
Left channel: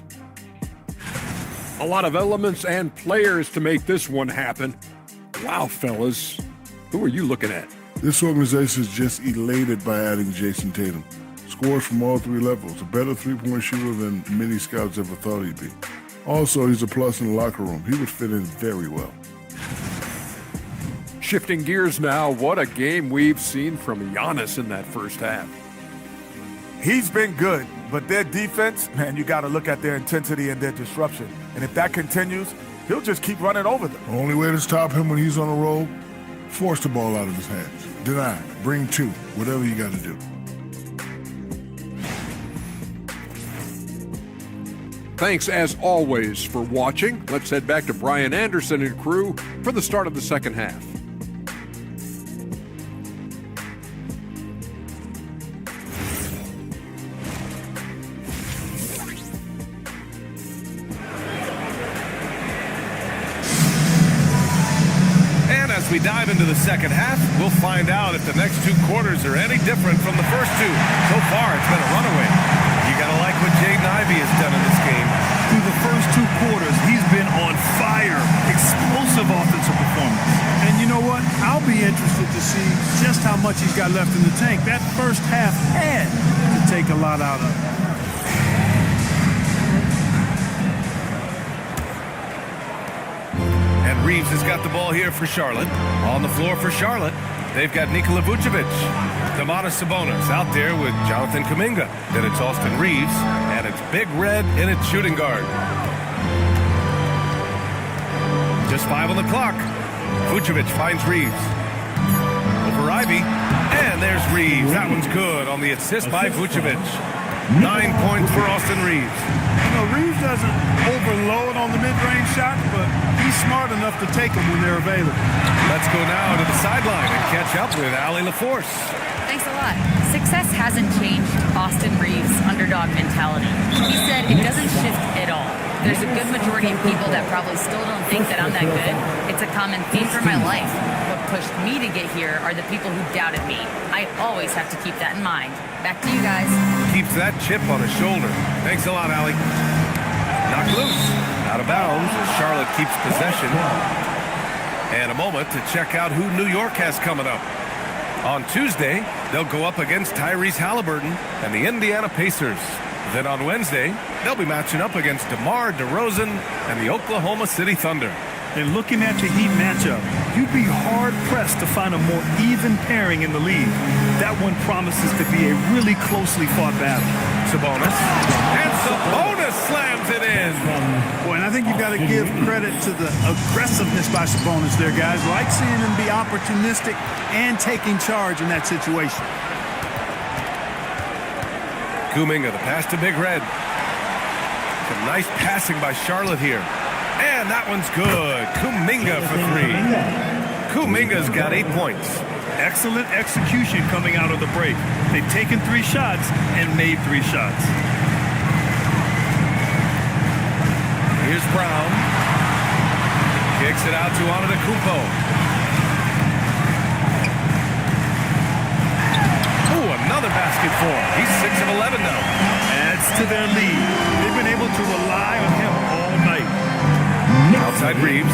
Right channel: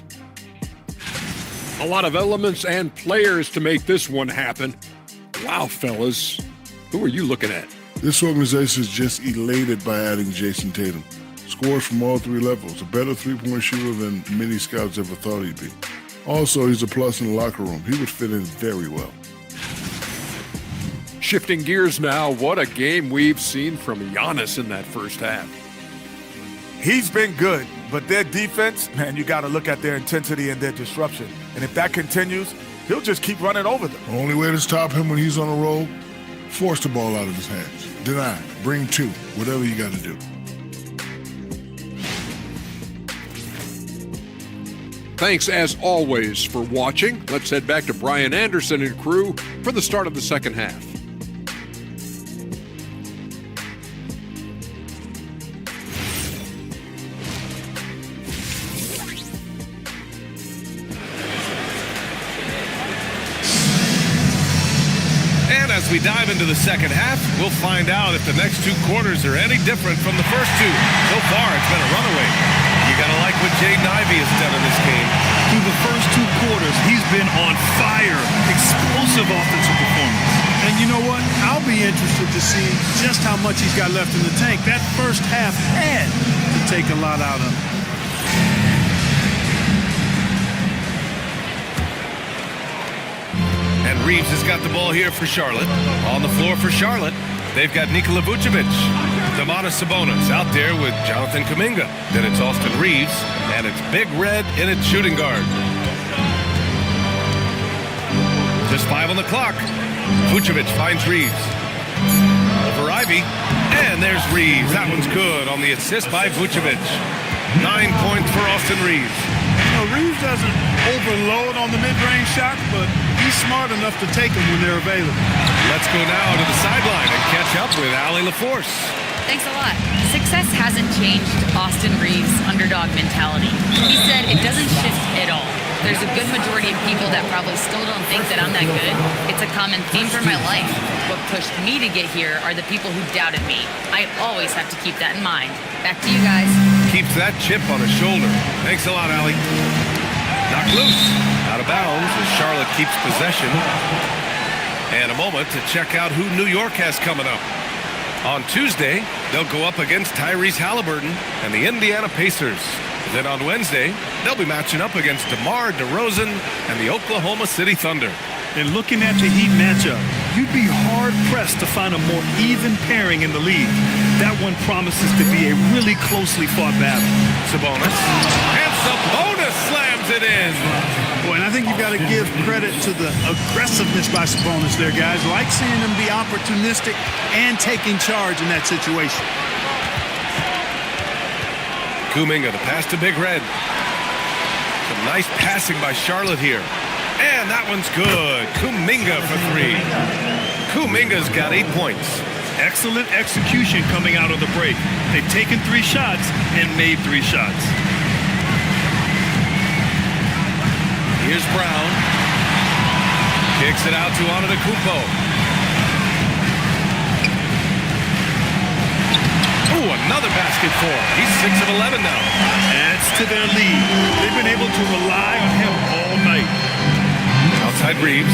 A lot of elements and players to make this one happen. Wow, fellas, who are you looking at? This organization is just elated by adding Jason Tatum. Scores from all 3 levels, a better three-point shooter than many scouts ever thought he'd be. Also, he's a plus in the locker room. He would fit in very well. Shifting gears now, what a game we've seen from Giannis in that first half. He's been good, but their defense, man, you got to look at their intensity and their disruption. And if that continues, he'll just keep running over them. The only way to stop him when he's on a roll, force the ball out of his hands. Deny, bring 2, whatever you got to do. Thanks as always for watching. Let's head back to Brian Anderson and crew for the start of the second half. And as we dive into the second half, we'll find out if the next 2 quarters are any different from the first 2. So far, it's been a runaway. You got to like what Jaden Ivey has done in this game. Through the first 2 quarters, he's been on fire. Explosive offensive performance. And you know what? I'll be interested to see just how much he's got left in the tank. That first half had to take a lot out of it. And Reeves has got the ball here for Charlotte. On the floor for Charlotte, they've got Nikola Vucevic. Domantas Sabonis out there with Jonathan Kuminga. Then it's Austin Reeves, and it's Big Red in its shooting guard. Just 5 on the clock. Vucevic finds Reeves. Over Ivy. And there's Reeves. That one's good on the assist by Vucevic. 9 points for Austin Reeves. You know, Reeves doesn't overload on the mid-range shots, but he's smart enough to take them when they're available. Let's go now to the sideline and catch up with Allie LaForce. Thanks a lot. Success hasn't changed Austin Reeves' underdog mentality. He said it doesn't shift at all. There's a good majority of people that probably still don't think that I'm that good. It's a common theme for my life. What pushed me to get here are the people who doubted me. I always have to keep that in mind. Back to you guys. Keeps that chip on his shoulder. Thanks a lot, Allie. Knocked loose. Out of bounds as Charlotte keeps possession. And a moment to check out who New York has coming up. On Tuesday, they'll go up against Tyrese Halliburton and the Indiana Pacers. Then on Wednesday, they'll be matching up against DeMar DeRozan and the Oklahoma City Thunder. And looking at the Heat matchup, you'd be hard-pressed to find a more even pairing in the league. That one promises to be a really closely fought battle. Sabonis. And Sabonis slams it in. Boy, and I think you've got to give credit to the aggressiveness by Sabonis there, guys. Like seeing him be opportunistic and taking charge in that situation. Kuminga, the pass to Big Red. Some nice passing by Charlotte here. And that one's good. Kuminga for 3. Kuminga's got 8 points. Excellent execution coming out of the break. They've taken 3 shots and made 3 shots. Here's Brown. Kicks it out to Antetokounmpo. Oh, another basket for him. He's 6 of 11 now. Adds to their lead. They've been able to rely on him all night. Outside Reeves.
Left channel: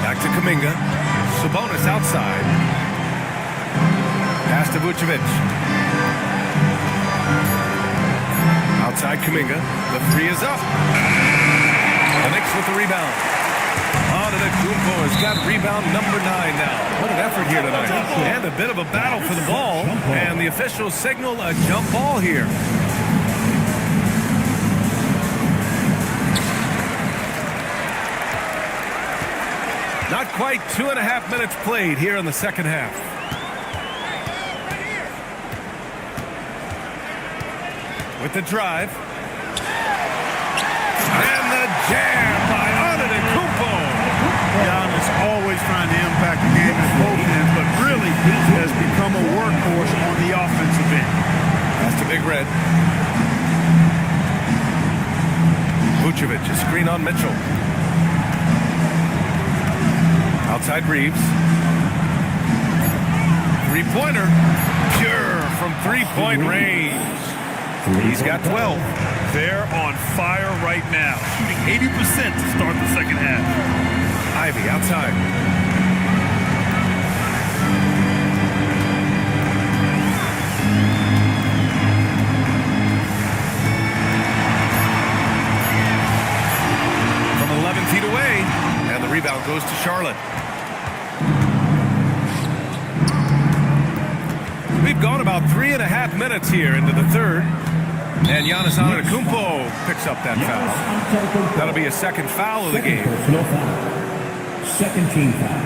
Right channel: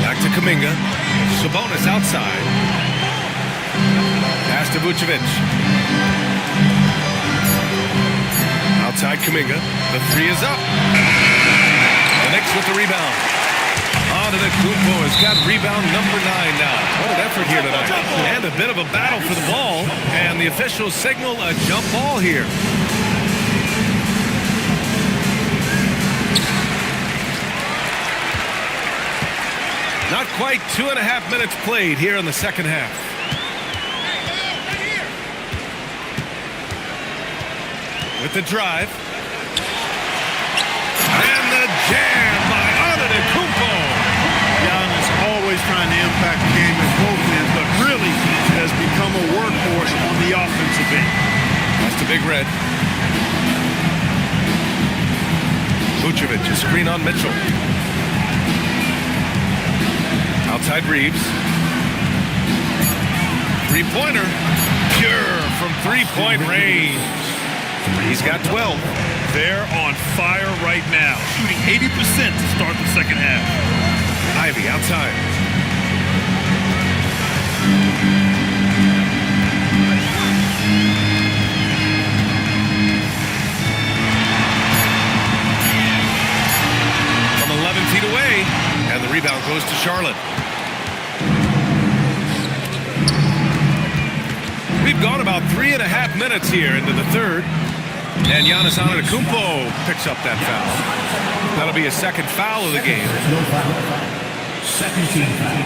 Back to Kuminga. Sabonis outside. Pass to Vucevic. Outside Kuminga. The 3 is up. The Knicks with the rebound. Antetokounmpo has got rebound number 9 now. What an effort here tonight. And a bit of a battle for the ball. And the officials signal a jump ball here. Not quite 2.5 minutes played here in the second half. With the drive. And the jam by Antetokounmpo. Giannis always trying to impact the game at both ends, but really has become a workhorse on the offensive end. That's the Big Red. Vucevic, a screen on Mitchell. Outside Reeves. 3-pointer. Pure from 3-point range. He's got 12. They're on fire right now, shooting 80% to start the second half. Ivy outside. From 11 feet away, and the rebound goes to Charlotte. We've gone about 3.5 minutes here into the third. And Giannis Antetokounmpo picks up that foul. That'll be a second foul of the game. No foul. Second team foul.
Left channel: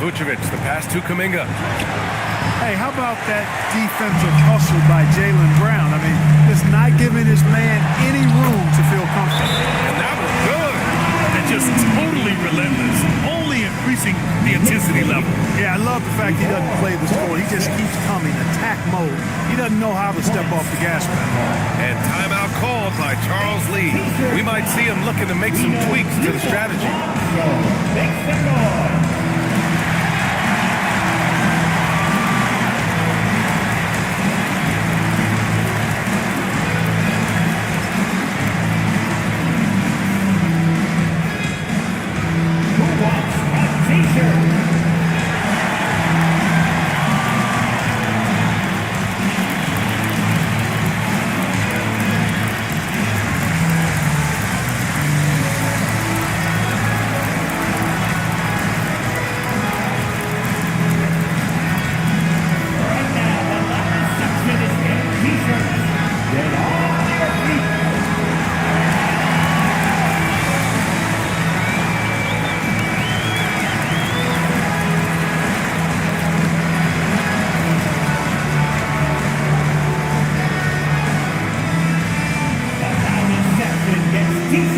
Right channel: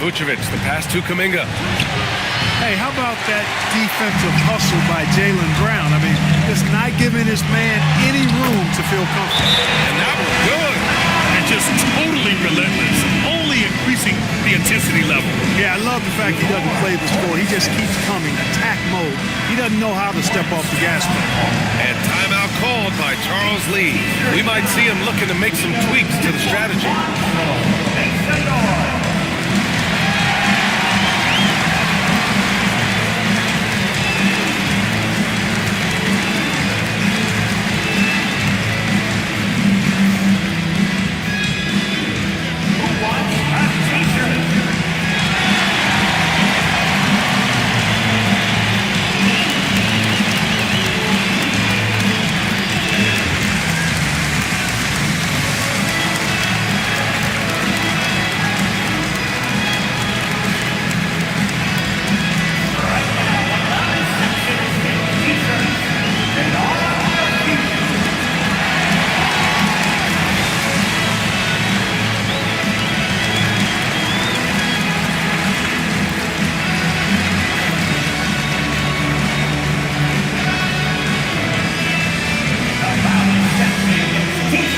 Vucevic, the pass to Kuminga. Hey, how about that defensive hustle by Jaylen Brown? I mean, just not giving his man any room to feel comfortable. And that one good. And just totally relentless, only increasing the intensity level. Yeah, I love the fact he doesn't play the score. He just keeps coming, attack mode. He doesn't know how to step off the gas pedal. And timeout called by Charles Lee. We might see him looking to make some tweaks to the strategy.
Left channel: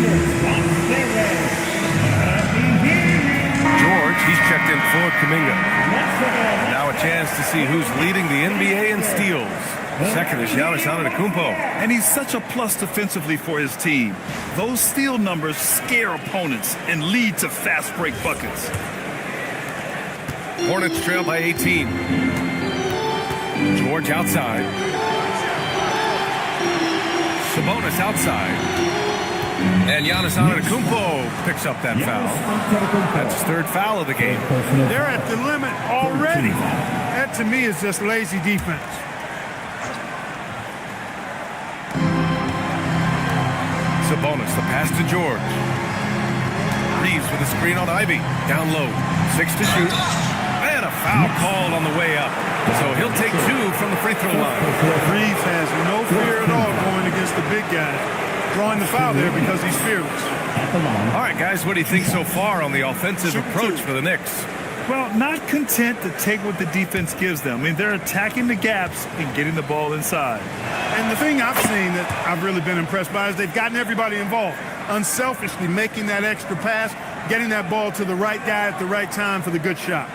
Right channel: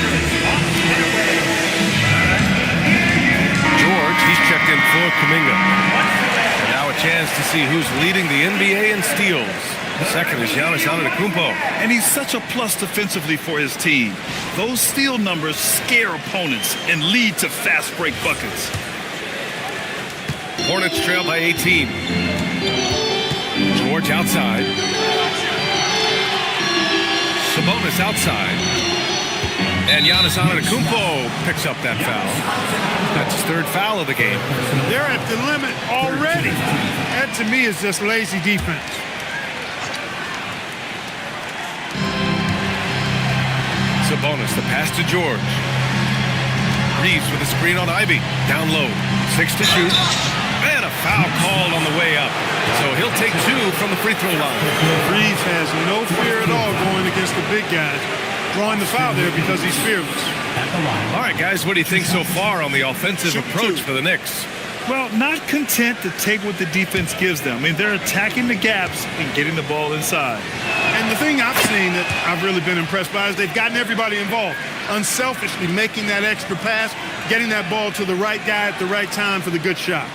lost their way. Let me hear you. George, he's checked in for Kuminga. Once again, And now a chance to see who's leading the NBA in steals. Second is Giannis Antetokounmpo. And he's such a plus defensively for his team. Those steal numbers scare opponents and lead to fast break buckets. Hornets trail by 18. George outside. Sabonis outside. And Giannis Antetokounmpo picks up that foul. That's his third foul of the game. They're at the limit already. That, to me, is just lazy defense. Sabonis, the pass to George. Reeves with a screen on Ivy. Down low. 6 to shoot. And a foul called on the way up. So he'll take 2 from the free throw line. Reeves has no fear at all going against the big guys. Drawing the foul there because he's fearless. All right, guys, what do you think so far on the offensive approach for the Knicks? Well, not content to take what the defense gives them. I mean, they're attacking the gaps and getting the ball inside. And the thing I've seen that I've really been impressed by is they've gotten everybody involved. Unselfishly making that extra pass, getting that ball to the right guy at the right time for the good shot.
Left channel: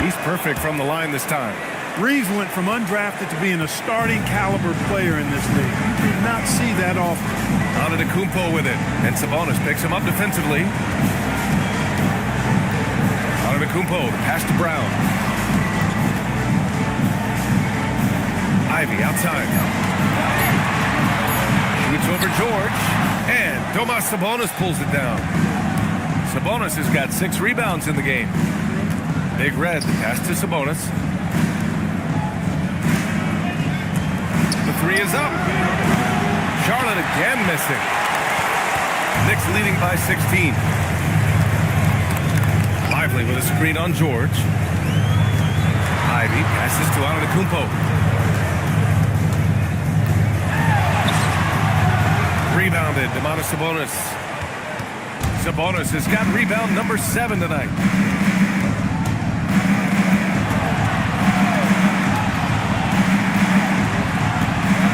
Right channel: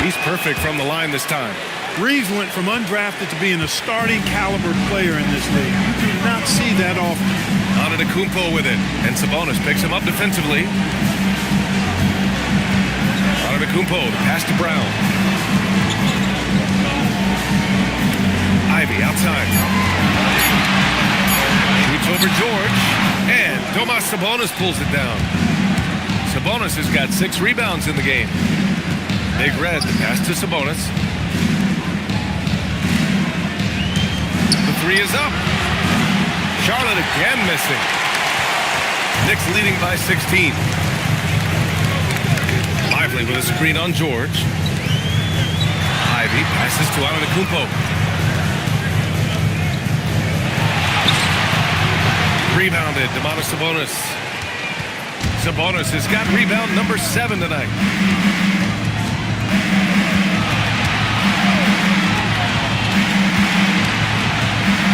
He's perfect from the line this time. Reeves went from undrafted to being a starting caliber player in this league. You do not see that often. Antetokounmpo with it, and Sabonis picks him up defensively. Antetokounmpo, the pass to Brown. Ivy outside. Shoots over George, and Domas Sabonis pulls it down. Sabonis has got 6 rebounds in the game. Big Red, the pass to Sabonis. The 3 is up. Charlotte again missing. Knicks leading by 16. Lively with a screen on George. Ivy passes to Antetokounmpo. Rebounded, Domantas Sabonis. Sabonis has got rebound number 7 tonight.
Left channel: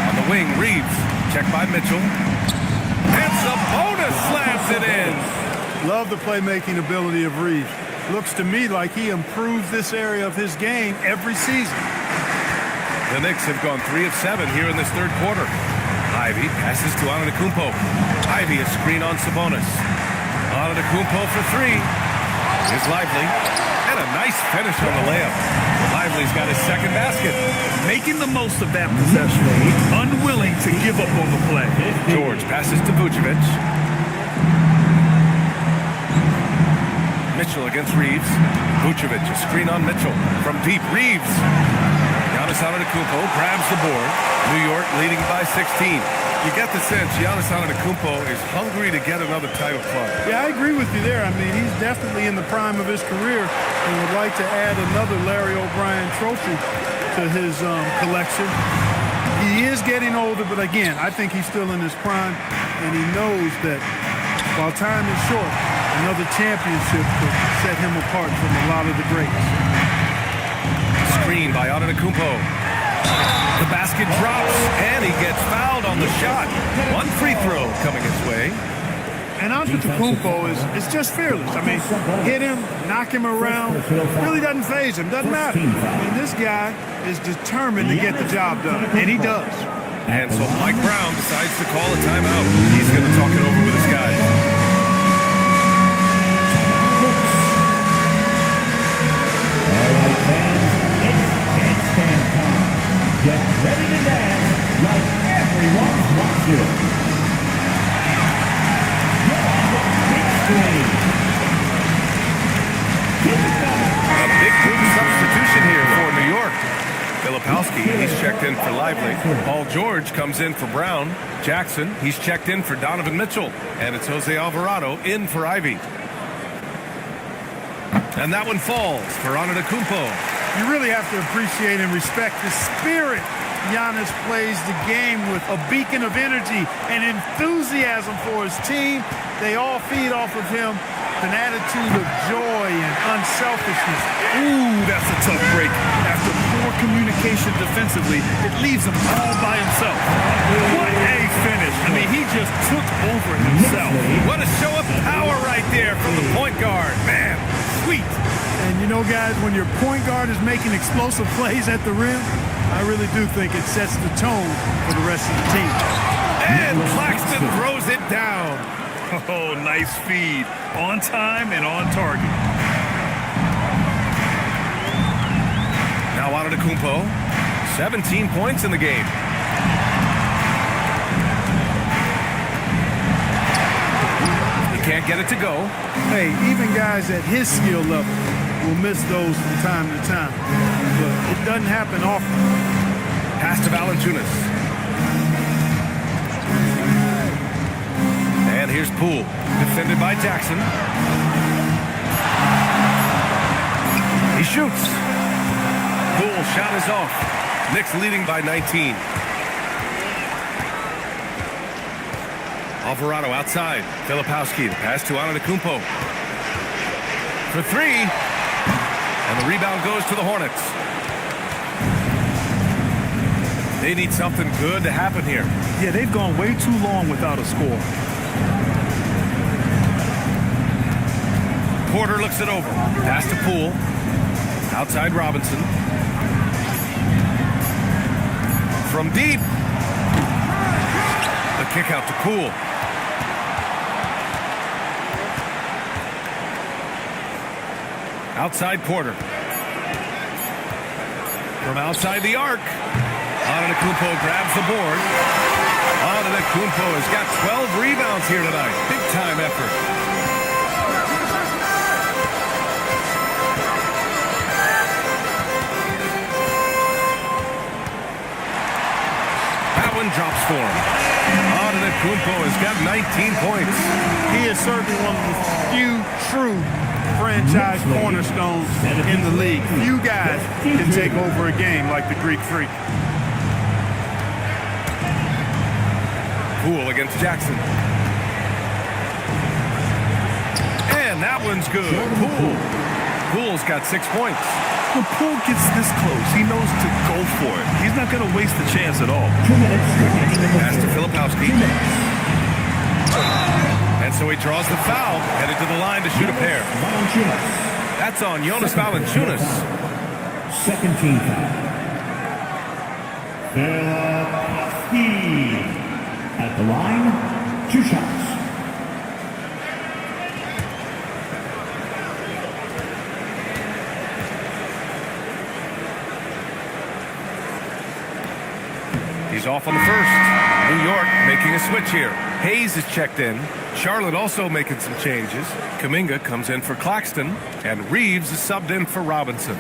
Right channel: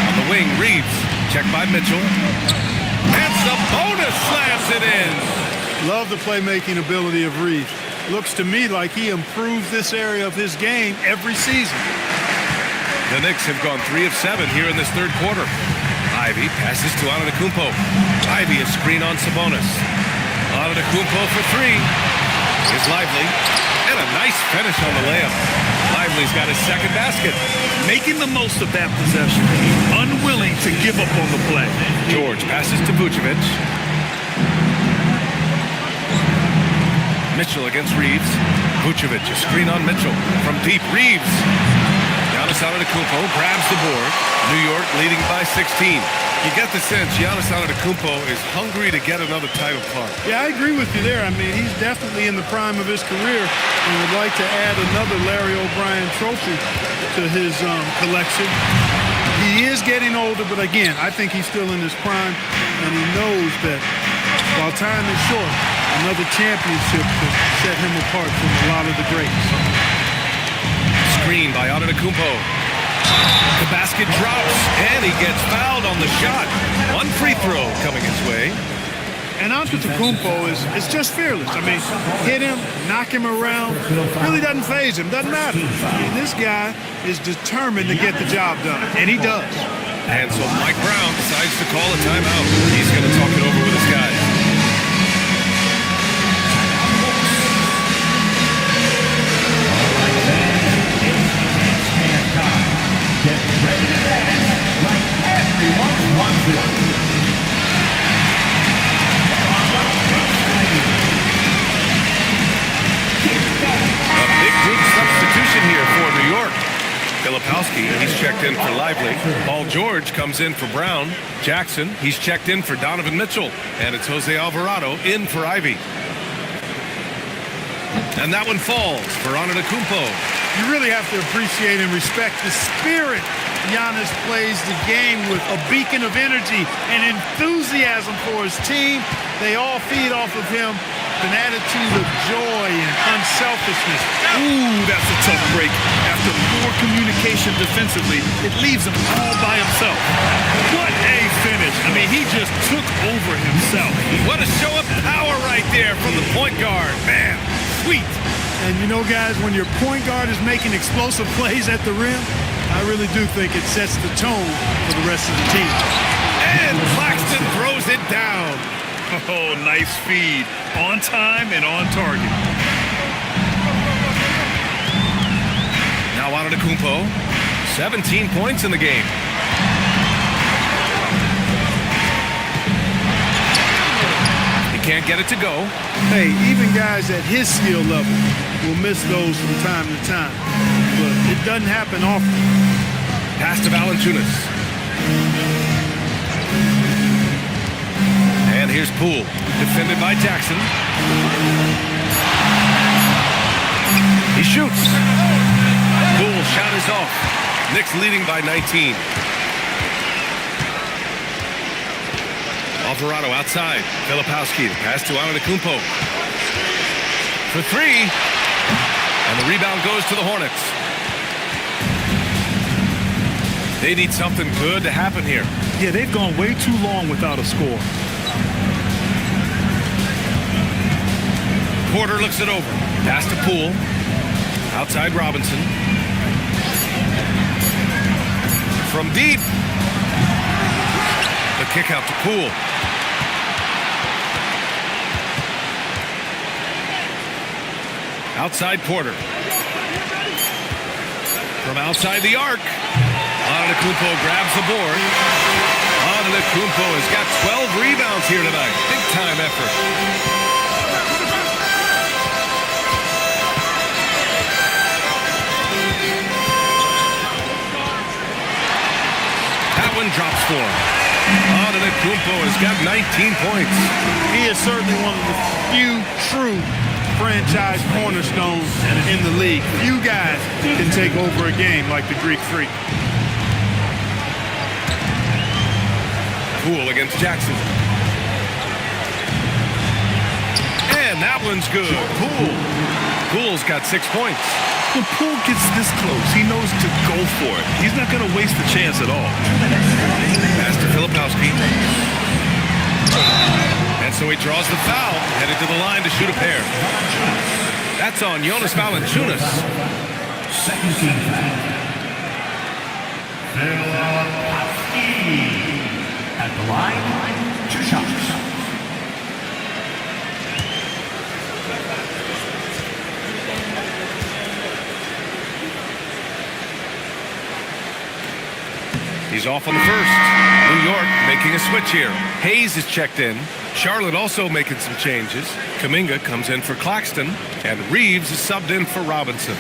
On the wing, Reeves. Checked by Mitchell. And Sabonis slams it in. Love the playmaking ability of Reeves. Looks to me like he improves this area of his game every season. The Knicks have gone 3 of 7 here in this third quarter. Ivy passes to Antetokounmpo. Ivy a screen on Sabonis. Antetokounmpo for 3. Here's Lively. And a nice finish on the layup. Lively's got his second basket. Making the most of that possession. He's unwilling to give up on the play. George passes to Vucevic. Mitchell against Reeves. Vucevic, a screen on Mitchell. From deep, Reeves. Giannis Antetokounmpo grabs the board. New York leading by 16. You get the sense Giannis Antetokounmpo is hungry to get another title club. Yeah, I agree with you there. I mean, he's definitely in the prime of his career and would like to add another Larry O'Brien trophy to his collection. He is getting older, but again, I think he's still in his prime, and he knows that while time is short, another championship could set him apart from a lot of the greats. Screen by Antetokounmpo. The basket drops, and he gets fouled on the shot. 1 free throw coming his way. And Antetokounmpo is just fearless. I mean, hit him, knock him around, really doesn't faze him, doesn't matter. I mean, this guy is determined to get the job done, and he does. And so Mike Brown decides to call a timeout. He's going to talk it over with his guys. Get ready to dance like everyone's watching. A big group substitution here for New York. Filipowski, he's checked in for Lively. Paul George comes in for Brown. Jackson, he's checked in for Donovan Mitchell. And it's Jose Alvarado in for Ivy. And that one falls for Antetokounmpo. You really have to appreciate and respect the spirit Giannis plays the game with, a beacon of energy and enthusiasm for his team. They all feed off of him. an attitude of joy and unselfishness. Ooh, that's a tough break. After poor communication defensively, it leaves him all by himself. What a finish. I mean, he just took over himself. What a show of power right there from the point guard. Man, sweet. And you know, guys, when your point guard is making explosive plays at the rim, I really do think it sets the tone for the rest of the team. And Claxton throws it down. Oh, nice feed. On time and on target. Now Antetokounmpo, 17 points in the game. He can't get it to go. Hey, even guys at his skill level will miss those from time to time. But it doesn't happen often. Pass to Valanciunas. And here's Poole, defended by Jackson. He shoots. Poole's shot is off. Knicks leading by 19. Alvarado outside. Filipowski, the pass to Antetokounmpo. For three. And the rebound goes to the Hornets. They need something good to happen here. Yeah, they've gone way too long without a score. Porter looks it over. Pass to Poole. Outside Robinson. From deep. The kick out to Poole. Outside Porter. From outside the arc. Antetokounmpo grabs the board. Antetokounmpo has got 12 rebounds here tonight. Big time effort. That one drops for him. Antetokounmpo has got 19 points. He is certainly one of the few true franchise cornerstones in the league. Few guys can take over a game like the Greek Freak. Poole against Jackson. And that one's good. Poole's got 6 points. When Poole gets this close, he knows to go for it. He's not going to waste the chance at all. Pass to Filipowski. And so he draws the foul, headed to the line to shoot a pair. That's on Jonas Valanciunas. Second team foul. Filipowski. At the line, 2 shots. He's off on the first. New York making a switch here. Hayes is checked in. Charlotte also making some changes. Kuminga comes in for Claxton. And Reeves is subbed in for Robinson.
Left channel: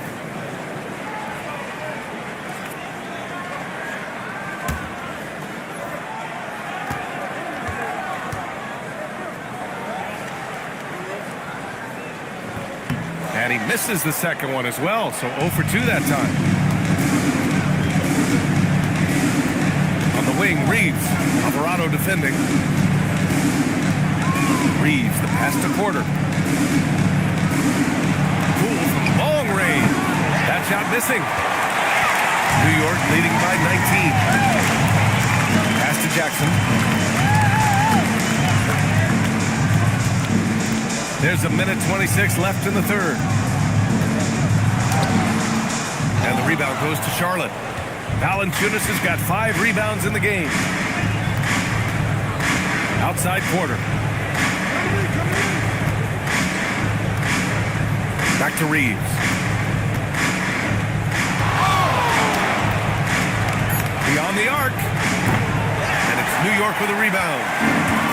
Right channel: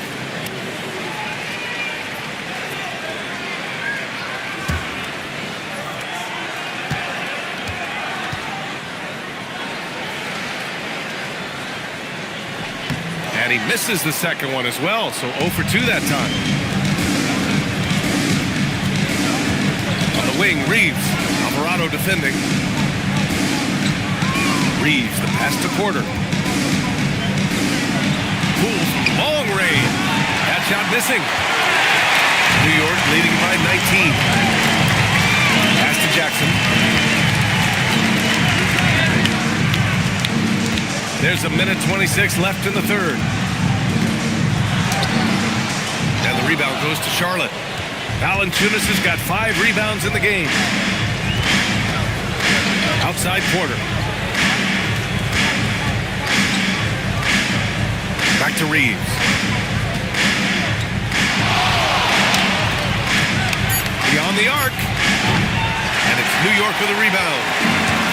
And he misses the second one as well, so 0 for 2 that time. On the wing, Reeves. Alvarado defending. Reeves, the pass to Porter. Poole from long range. That shot missing. New York leading by 19. Pass to Jackson. There's a minute 26 left in the third. And the rebound goes to Charlotte. Valanciunas has got 5 rebounds in the game. Outside Porter. Back to Reeves. Beyond the arc. And it's New York with a rebound.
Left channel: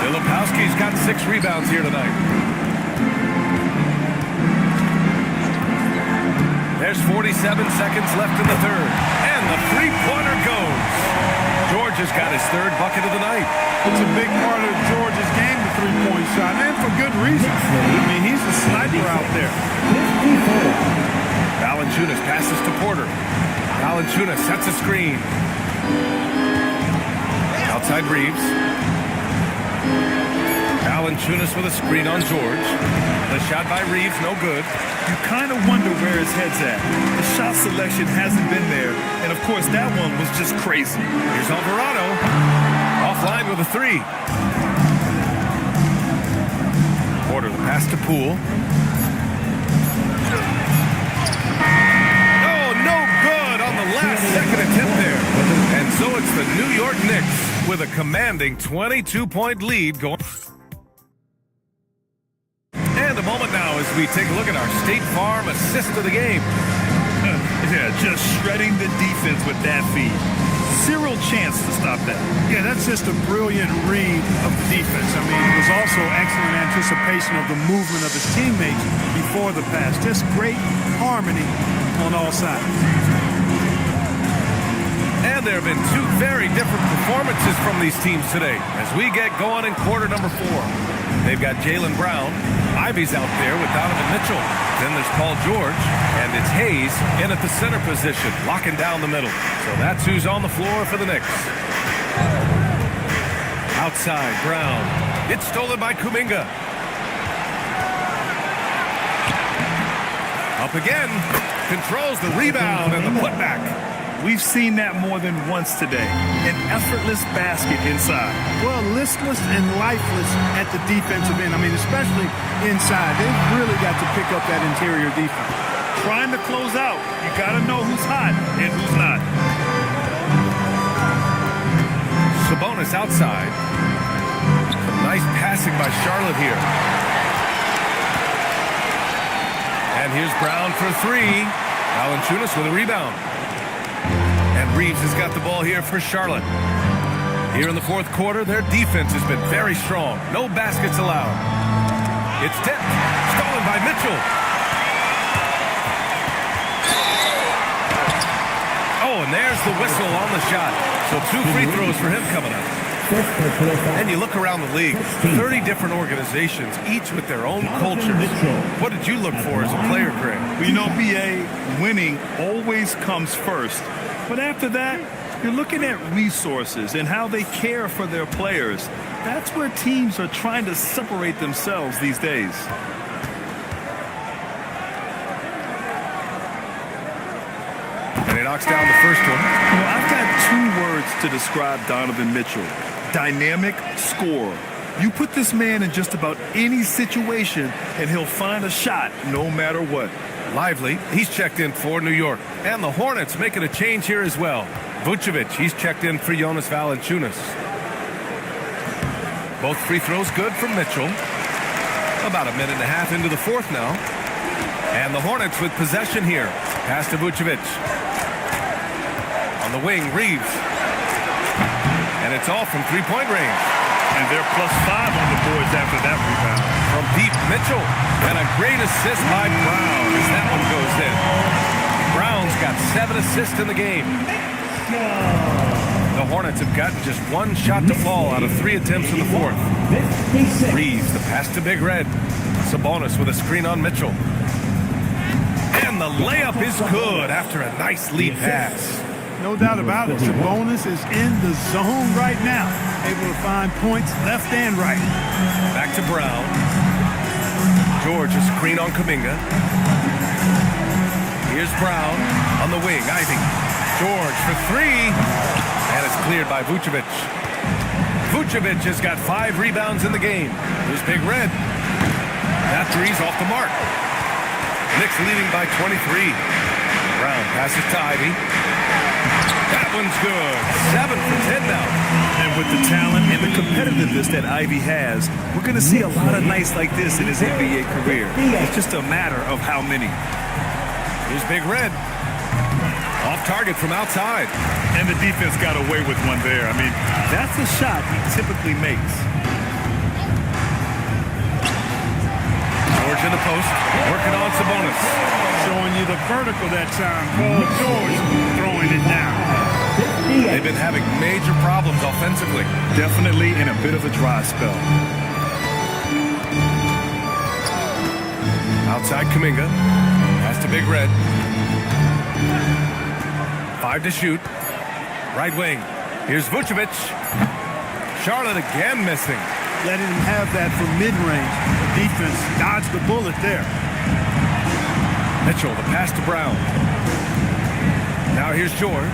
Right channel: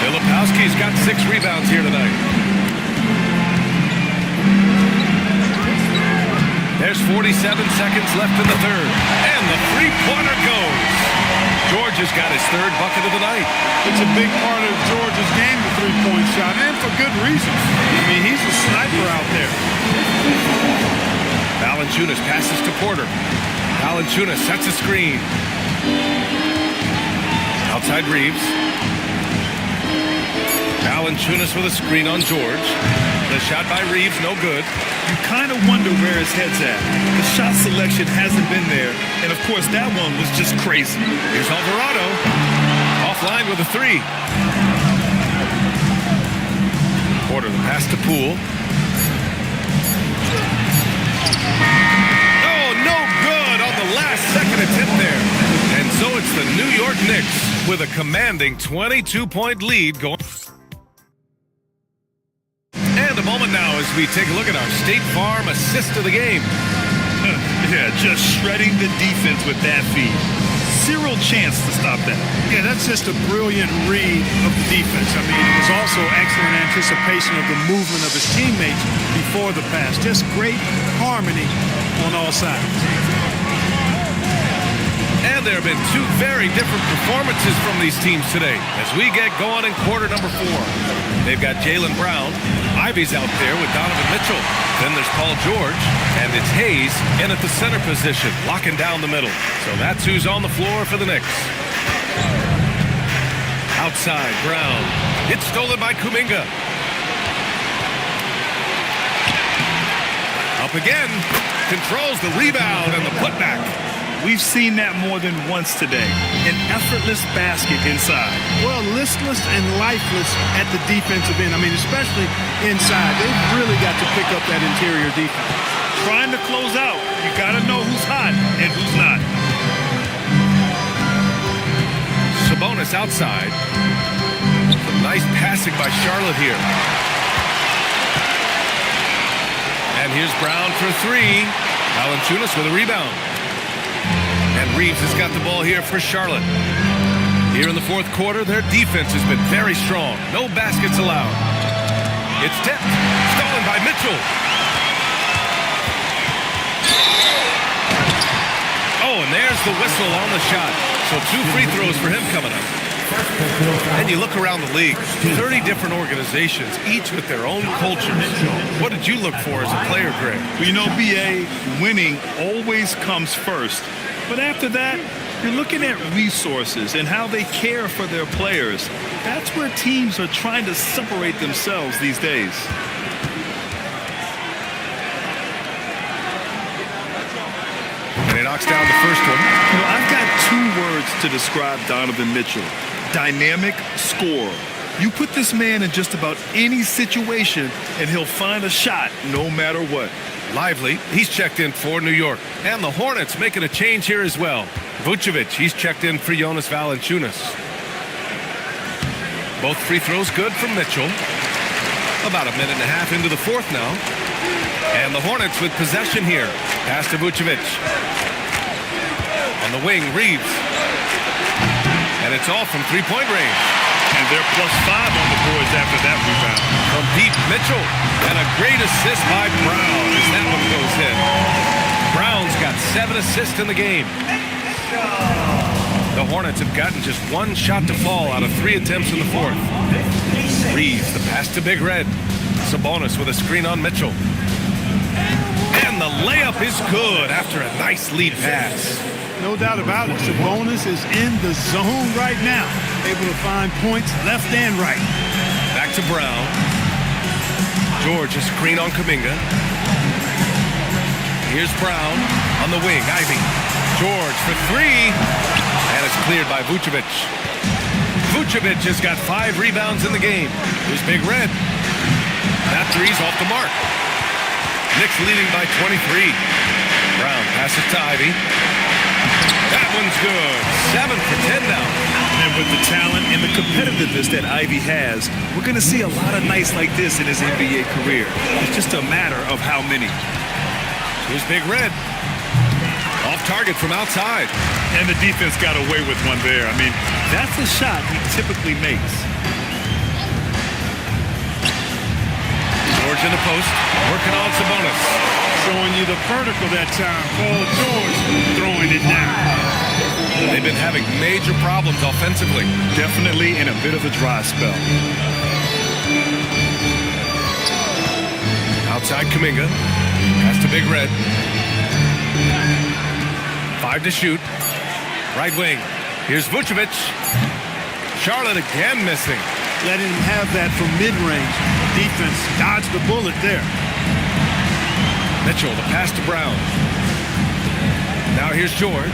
Filipowski's got 6 rebounds here tonight. There's 47 seconds left in the third. And the three-pointer goes. George has got his 3rd bucket of the night. It's a big part of George's game, the three-point shot, and for good reason. I mean, he's a sniper out there. Valanciunas passes to Porter. Valanciunas sets a screen. Outside Reeves. Valanciunas with a screen on George. The shot by Reeves, no good. You kind of wonder where his head's at. The shot selection hasn't been there, and of course that one was just crazy. Here's Alvarado. Offline with a three. Porter, the pass to Poole. Oh, no good on the last second attempt there. And so it's the New York Knicks with a commanding 22-point lead going. And a moment now as we take a look at our State Farm assist of the game. Yeah, just shredding the defense with that feed. Zero chance to stop that. Yeah, that's just a brilliant read of the defense. I mean, it was also excellent anticipation of the movement of his teammates before the pass. Just great harmony on all sides. And there have been two very different performances from these teams today as we get going in quarter number 4. They've got Jaylen Brown. Ivy's out there with Donovan Mitchell. Then there's Paul George, and it's Hayes in at the center position, locking down the middle. So that's who's on the floor for the Knicks. Outside, Brown. It's stolen by Kuminga. Up again. Controls the rebound and the putback. We've seen that more than once today. An effortless basket inside. Well, listless and lifeless at the defensive end. I mean, especially inside. They've really got to pick up that interior defense. Trying to close out, you got to know who's hot and who's not. Sabonis outside. Some nice passing by Charlotte here. And here's Brown for three. Valanciunas with a rebound. And Reeves has got the ball here for Charlotte. Here in the fourth quarter, their defense has been very strong. No baskets allowed. It's tipped. Stolen by Mitchell. Oh, and there's the whistle on the shot. So 2 free throws for him coming up. And you look around the league, 30 different organizations, each with their own cultures. What did you look for as a player, Greg? Well, you know, BA, winning always comes first. But after that, you're looking at resources and how they care for their players. That's where teams are trying to separate themselves these days. And he knocks down the first one. You know, I've got 2 words to describe Donovan Mitchell. Dynamic scorer. You put this man in just about any situation, and he'll find a shot no matter what. Lively, he's checked in for New York. And the Hornets making a change here as well. Vucevic, he's checked in for Jonas Valanciunas. Both free throws good from Mitchell. About a minute and a half into the fourth now. And the Hornets with possession here. Pass to Vucevic. On the wing, Reeves. And it's all from three-point range. And they're +5 on the boards after that rebound. From deep, Mitchell. And a great assist by Brown as that one goes in. Brown's got 7 assists in the game. The Hornets have gotten just 1 shot to fall out of 3 attempts in the fourth. Reeves, the pass to Big Red. Sabonis with a screen on Mitchell. And the layup is good after a nice lead pass. No doubt about it. Sabonis is in the zone right now. Able to find points left and right. Back to Brown. George, a screen on Kuminga. Here's Brown on the wing. Ivy. George for 3. And it's cleared by Vucevic. Vucevic has got 5 rebounds in the game. Here's Big Red. That three's off the mark. Knicks leading by 23. Brown passes to Ivy. That one's good. 7 for 10 now. And with the talent and the competitiveness that Ivy has, we're going to see a lot of nights like this in his NBA career. It's just a matter of how many. Here's Big Red. Off target from outside. And the defense got away with one there. I mean, that's a shot he typically makes. George in the post, working on Sabonis. Showing you the vertical that time. Paul George throwing it down. They've been having major problems offensively. Definitely in a bit of a dry spell. Outside Kuminga. Pass to Big Red. 5 to shoot. Right wing. Here's Vucevic. Charlotte again missing. letting him have that from mid-range. The defense dodged the bullet there. Mitchell, the pass to Brown. Now here's George.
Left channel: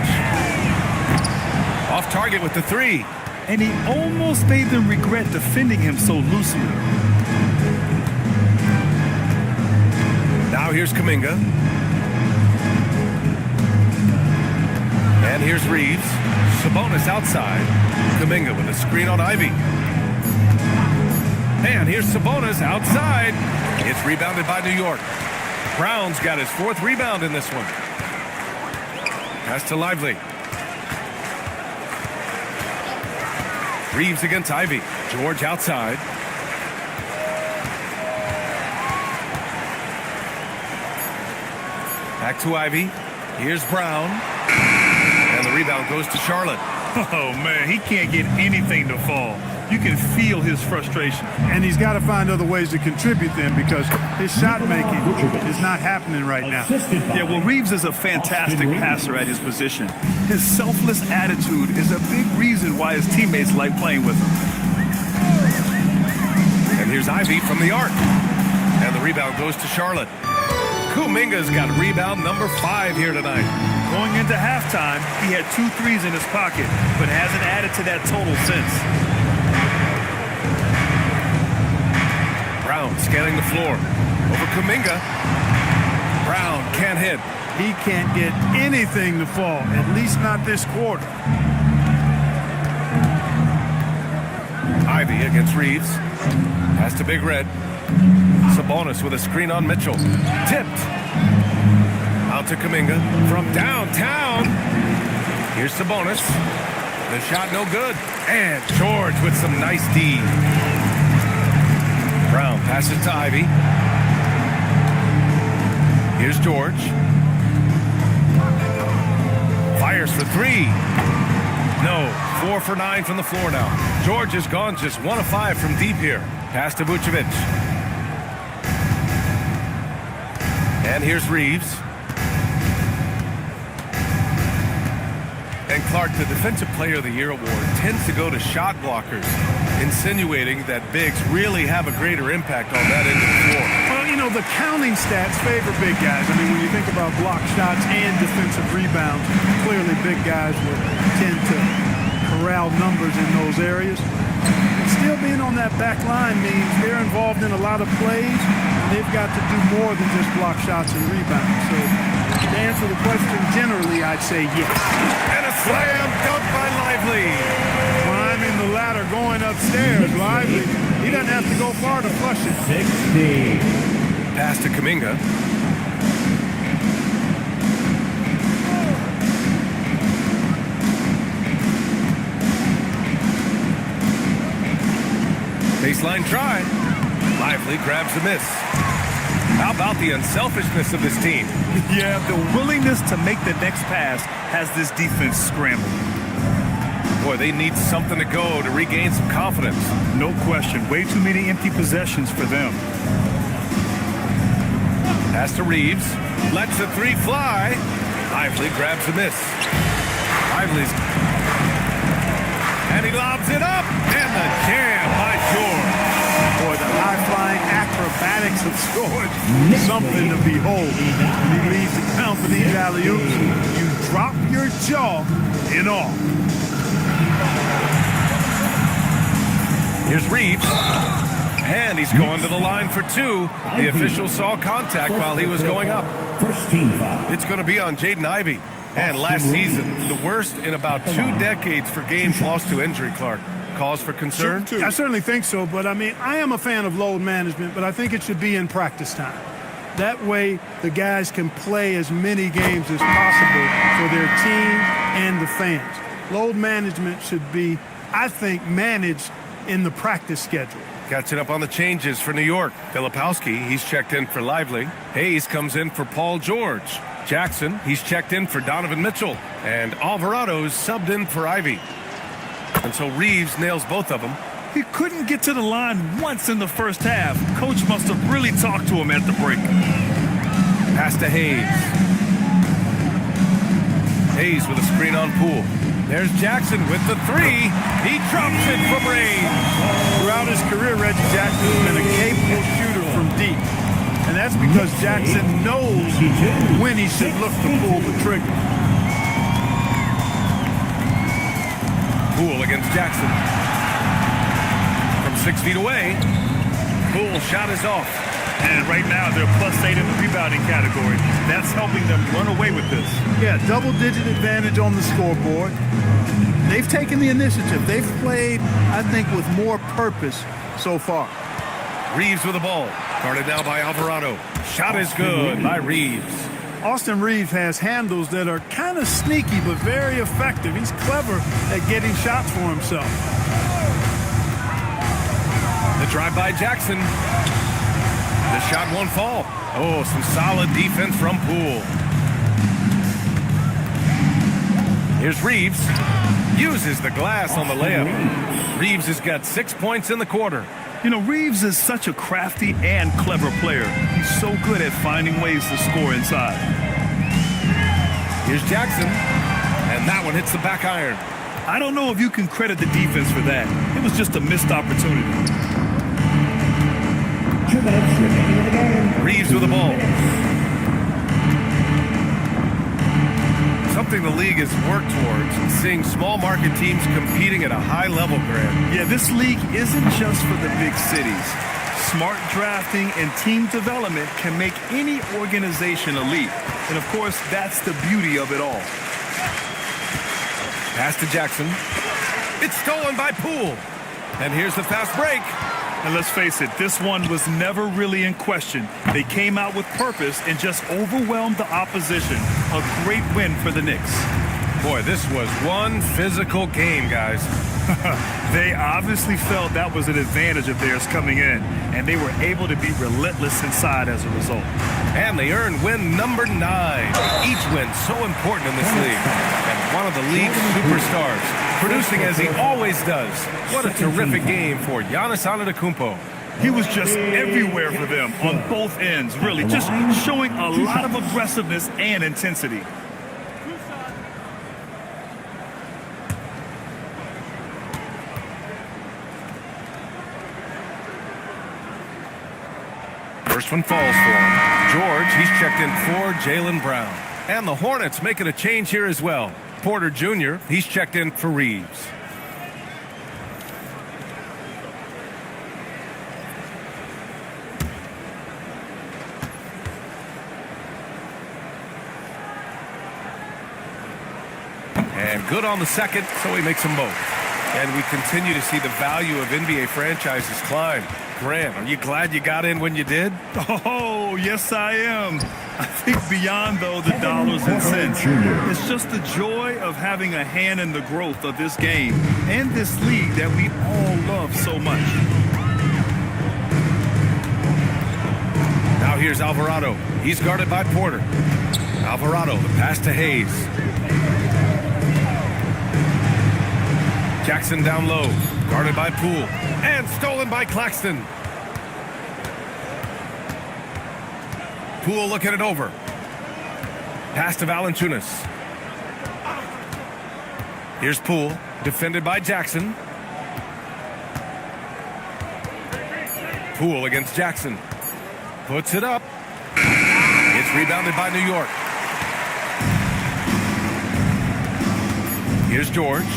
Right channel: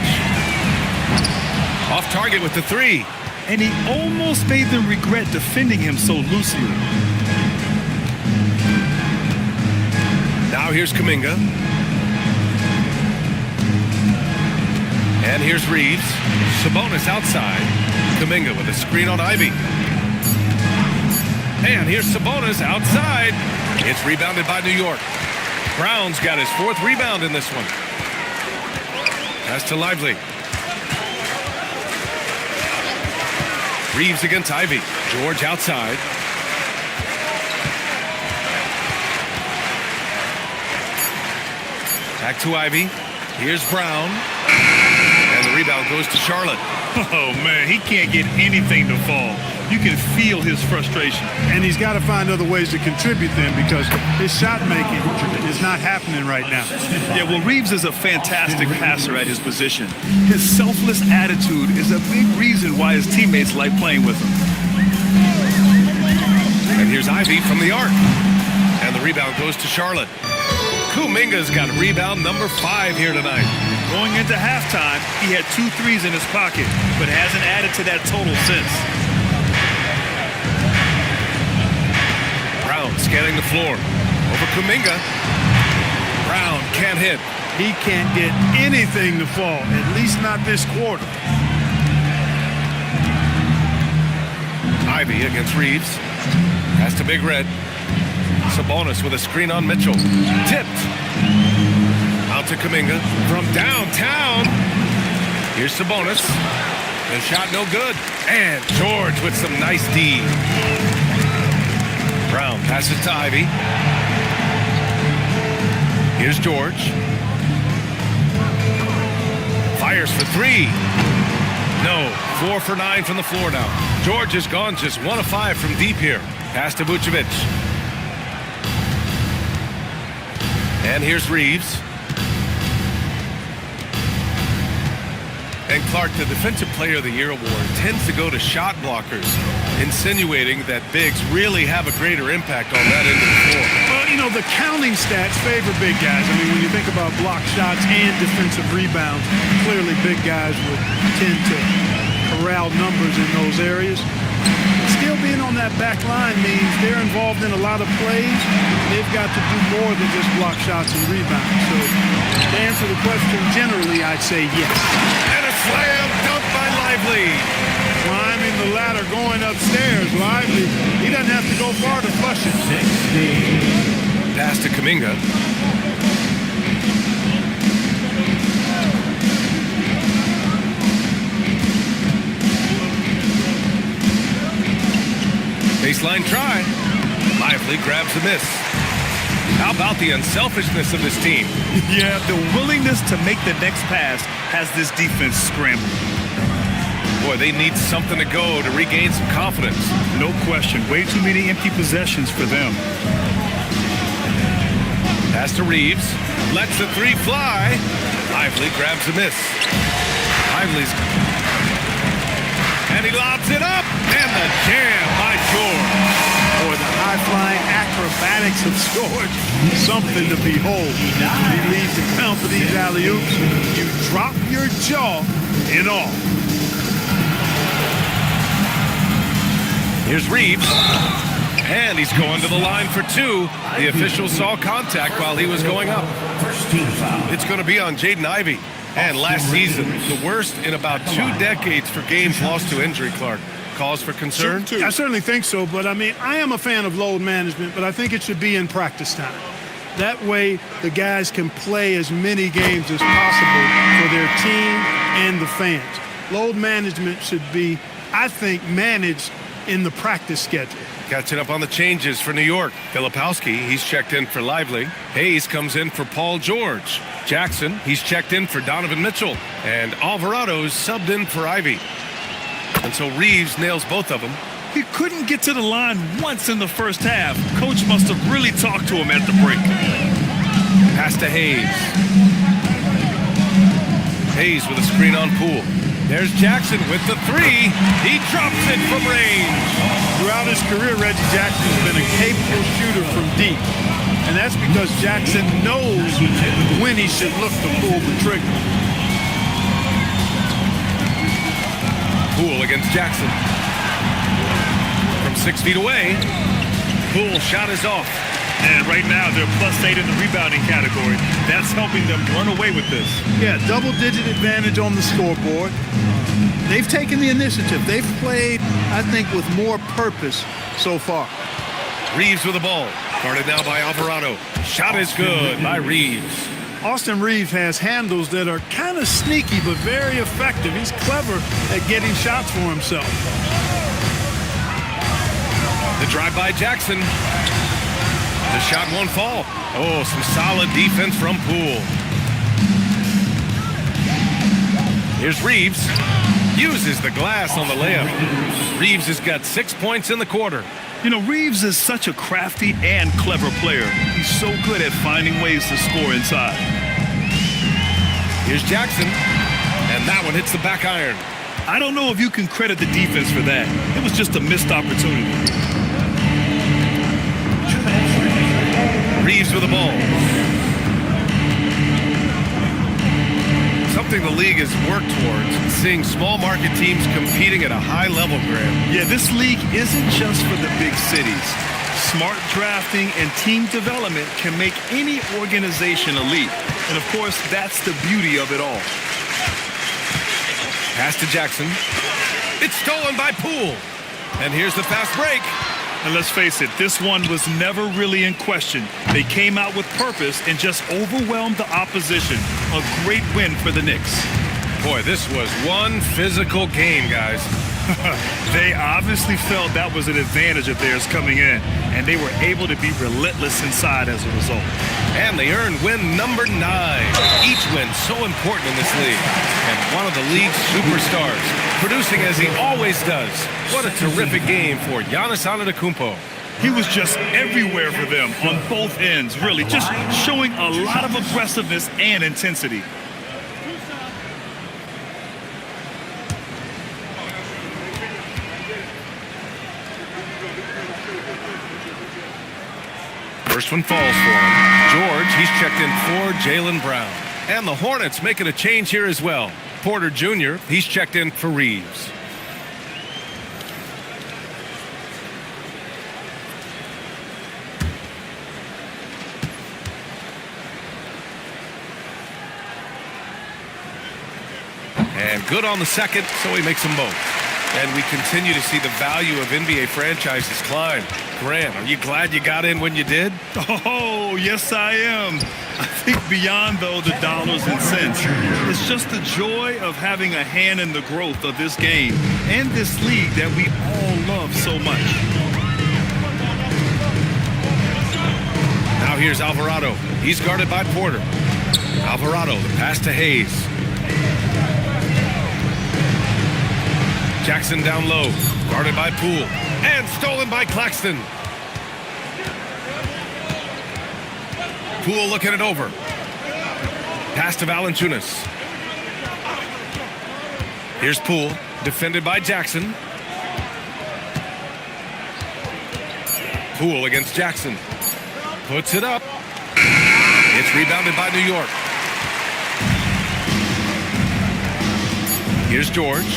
Off target with the three. And he almost made them regret defending him so loosely. Now here's Kuminga. And here's Reeves. Sabonis outside. Kuminga with a screen on Ivy. And here's Sabonis outside. It's rebounded by New York. Brown's got his 4th rebound in this one. Pass to Lively. Reeves against Ivy. George outside. Back to Ivy. Here's Brown. And the rebound goes to Charlotte. Oh, man, he can't get anything to fall. You can feel his frustration. And he's got to find other ways to contribute then, because his shot making is not happening right now. Yeah, well, Reeves is a fantastic passer at his position. His selfless attitude is a big reason why his teammates like playing with him. And here's Ivy from the arc. And the rebound goes to Charlotte. Kuminga's got rebound number 5 here tonight. Going into halftime, he had 2 threes in his pocket, but hasn't added to that total since. Brown scanning the floor. Over Kuminga. Brown can't hit. He can't get anything to fall, at least not this quarter. Ivy against Reeves. Pass to Big Red. Sabonis with a screen on Mitchell. Tipped. Out to Kuminga from downtown. Here's Sabonis. The shot no good. And George with some nice D. Brown passes to Ivy. Here's George. Fires for 3. No. 4 for 9 from the floor now. George is gone just 1 of 5 from deep here. Pass to Vucevic. And here's Reeves. And Clark, the Defensive Player of the Year award tends to go to shot blockers, insinuating that bigs really have a greater impact on that end of the floor. Well, you know, the counting stats favor big guys. I mean, when you think about block shots and defensive rebounds, clearly big guys would tend to corral numbers in those areas. But still being on that back line means they're involved in a lot of plays. They've got to do more than just block shots and rebounds. So to answer the question, generally, I'd say yes. And a slam dunk by Lively. Climbing the ladder, going upstairs. Lively, he doesn't have to go far to flush it. 60. Pass to Kuminga. Baseline try. Lively grabs the miss. How about the unselfishness of this team? Yeah, the willingness to make the next pass has this defense scrambled. Boy, they need something to go to regain some confidence. No question. Way too many empty possessions for them. Pass to Reeves. Lets the 3 fly. Lively grabs the miss. Lively's... And he lobs it up. And the jam by George. Boy, the high-flying acrobatics of George, something to behold. When he leaves the ground for these alley-oops, you drop your jaw in awe. Here's Reeves. And he's going to the line for 2. The official saw contact while he was going up. First team foul. It's going to be on Jaden Ivey. And last season, the worst in about 2 decades for games lost to injury, Clark. Cause for concern? I certainly think so, but I mean, I am a fan of load management, but I think it should be in practice time. That way, the guys can play as many games as possible for their team and the fans. Load management should be, I think, managed in the practice schedule. Catching up on the changes for New York. Filipowski, he's checked in for Lively. Hayes comes in for Paul George. Jackson, he's checked in for Donovan Mitchell. And Alvarado's subbed in for Ivy. And so Reeves nails both of them. He couldn't get to the line once in the first half. Coach must have really talked to him at the break. Pass to Hayes. Hayes with a screen on Poole. There's Jackson with the three. He drops it from range. Throughout his career, Reggie Jackson has been a capable shooter from deep. And that's because Jackson knows when he should look to pull the trigger. Poole against Jackson. From 6 feet away, Poole's shot is off. And right now, they're +8 in the rebounding category. That's helping them run away with this. Yeah, double-digit advantage on the scoreboard. They've taken the initiative. They've played, I think, with more purpose so far. Reeves with the ball. Guarded now by Alvarado. Shot is good by Reeves. Austin Reeves has handles that are kind of sneaky but very effective. He's clever at getting shots for himself. The drive by Jackson. The shot won't fall. Oh, some solid defense from Poole. Here's Reeves. Uses the glass on the layup. Reeves has got 6 points in the quarter. You know, Reeves is such a crafty and clever player. He's so good at finding ways to score inside. Here's Jackson, and that one hits the back iron. I don't know if you can credit the defense for that. It was just a missed opportunity. 2 minutes remaining. Reeves with the ball. Something the league has worked towards, seeing small market teams competing at a high level, Grant. Yeah, this league isn't just for the big cities. Smart drafting and team development can make any organization elite. And of course, that's the beauty of it all. Pass to Jackson. It's stolen by Poole. And here's the fast break. And let's face it, this one was never really in question. They came out with purpose and just overwhelmed the opposition. A great win for the Knicks. Boy, this was one physical game, guys. They obviously felt that was an advantage of theirs coming in, and they were able to be relentless inside as a result. And they earned win number 9. Each win so important in this league. And one of the league's superstars, producing as he always does. What a terrific game for Giannis Antetokounmpo. He was just everywhere for them on both ends, really, just showing a lot of aggressiveness and intensity. First one falls for him. George, he's checked in for Jaylen Brown. And the Hornets making a change here as well. Porter Jr., he's checked in for Reeves. And good on the second, so he makes them both. And we continue to see the value of NBA franchises climb. Grant, are you glad you got in when you did? Oh, yes, I am. I think beyond, though, the dollars and cents, it's just the joy of having a hand in the growth of this game and this league that we all love so much. Now here's Alvarado. He's guarded by Porter. Alvarado, the pass to Hayes. Jackson down low, guarded by Poole, and stolen by Claxton. Poole looking it over. Pass to Valanciunas. Here's Poole, defended by Jackson. Poole against Jackson. Puts it up. It's rebounded by New York. Here's George.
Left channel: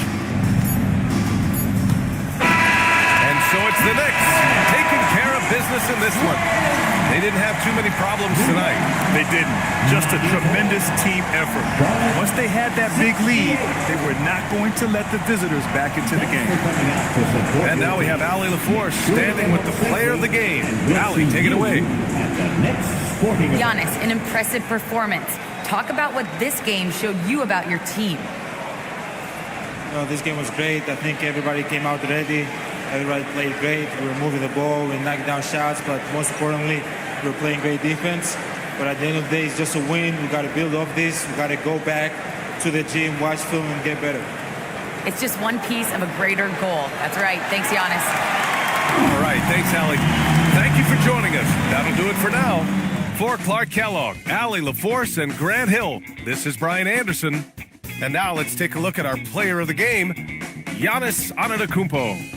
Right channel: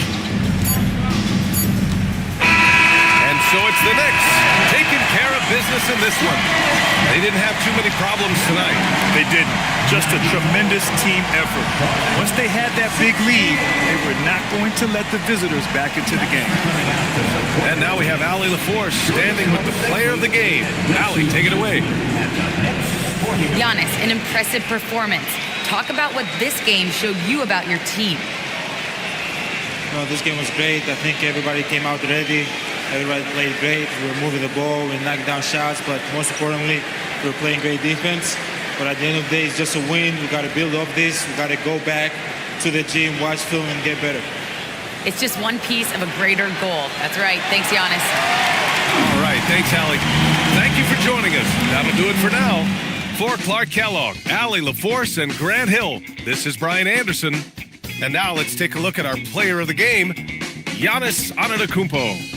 And so it's the Knicks taking care of business in this one. They didn't have too many problems tonight. They didn't. Just a tremendous team effort. Once they had that big lead, they were not going to let the visitors back into the game. And now we have Allie LaForce standing with the player of the game. Allie, take it away. Giannis, an impressive performance. Talk about what this game showed you about your team. This game was great. I think everybody came out ready. Everybody played great. We were moving the ball. We knocked down shots. But most importantly, we were playing great defense. But at the end of the day, it's just a win. We got to build off this. We got to go back to the gym, watch film, and get better. It's just one piece of a greater goal. That's right. Thanks, Giannis. All right. Thanks, Allie. Thank you for joining us. That'll do it for now. For Clark Kellogg, Allie LaForce, and Grant Hill, this is Brian Anderson. And now let's take a look at our player of the game, Giannis Antetokounmpo.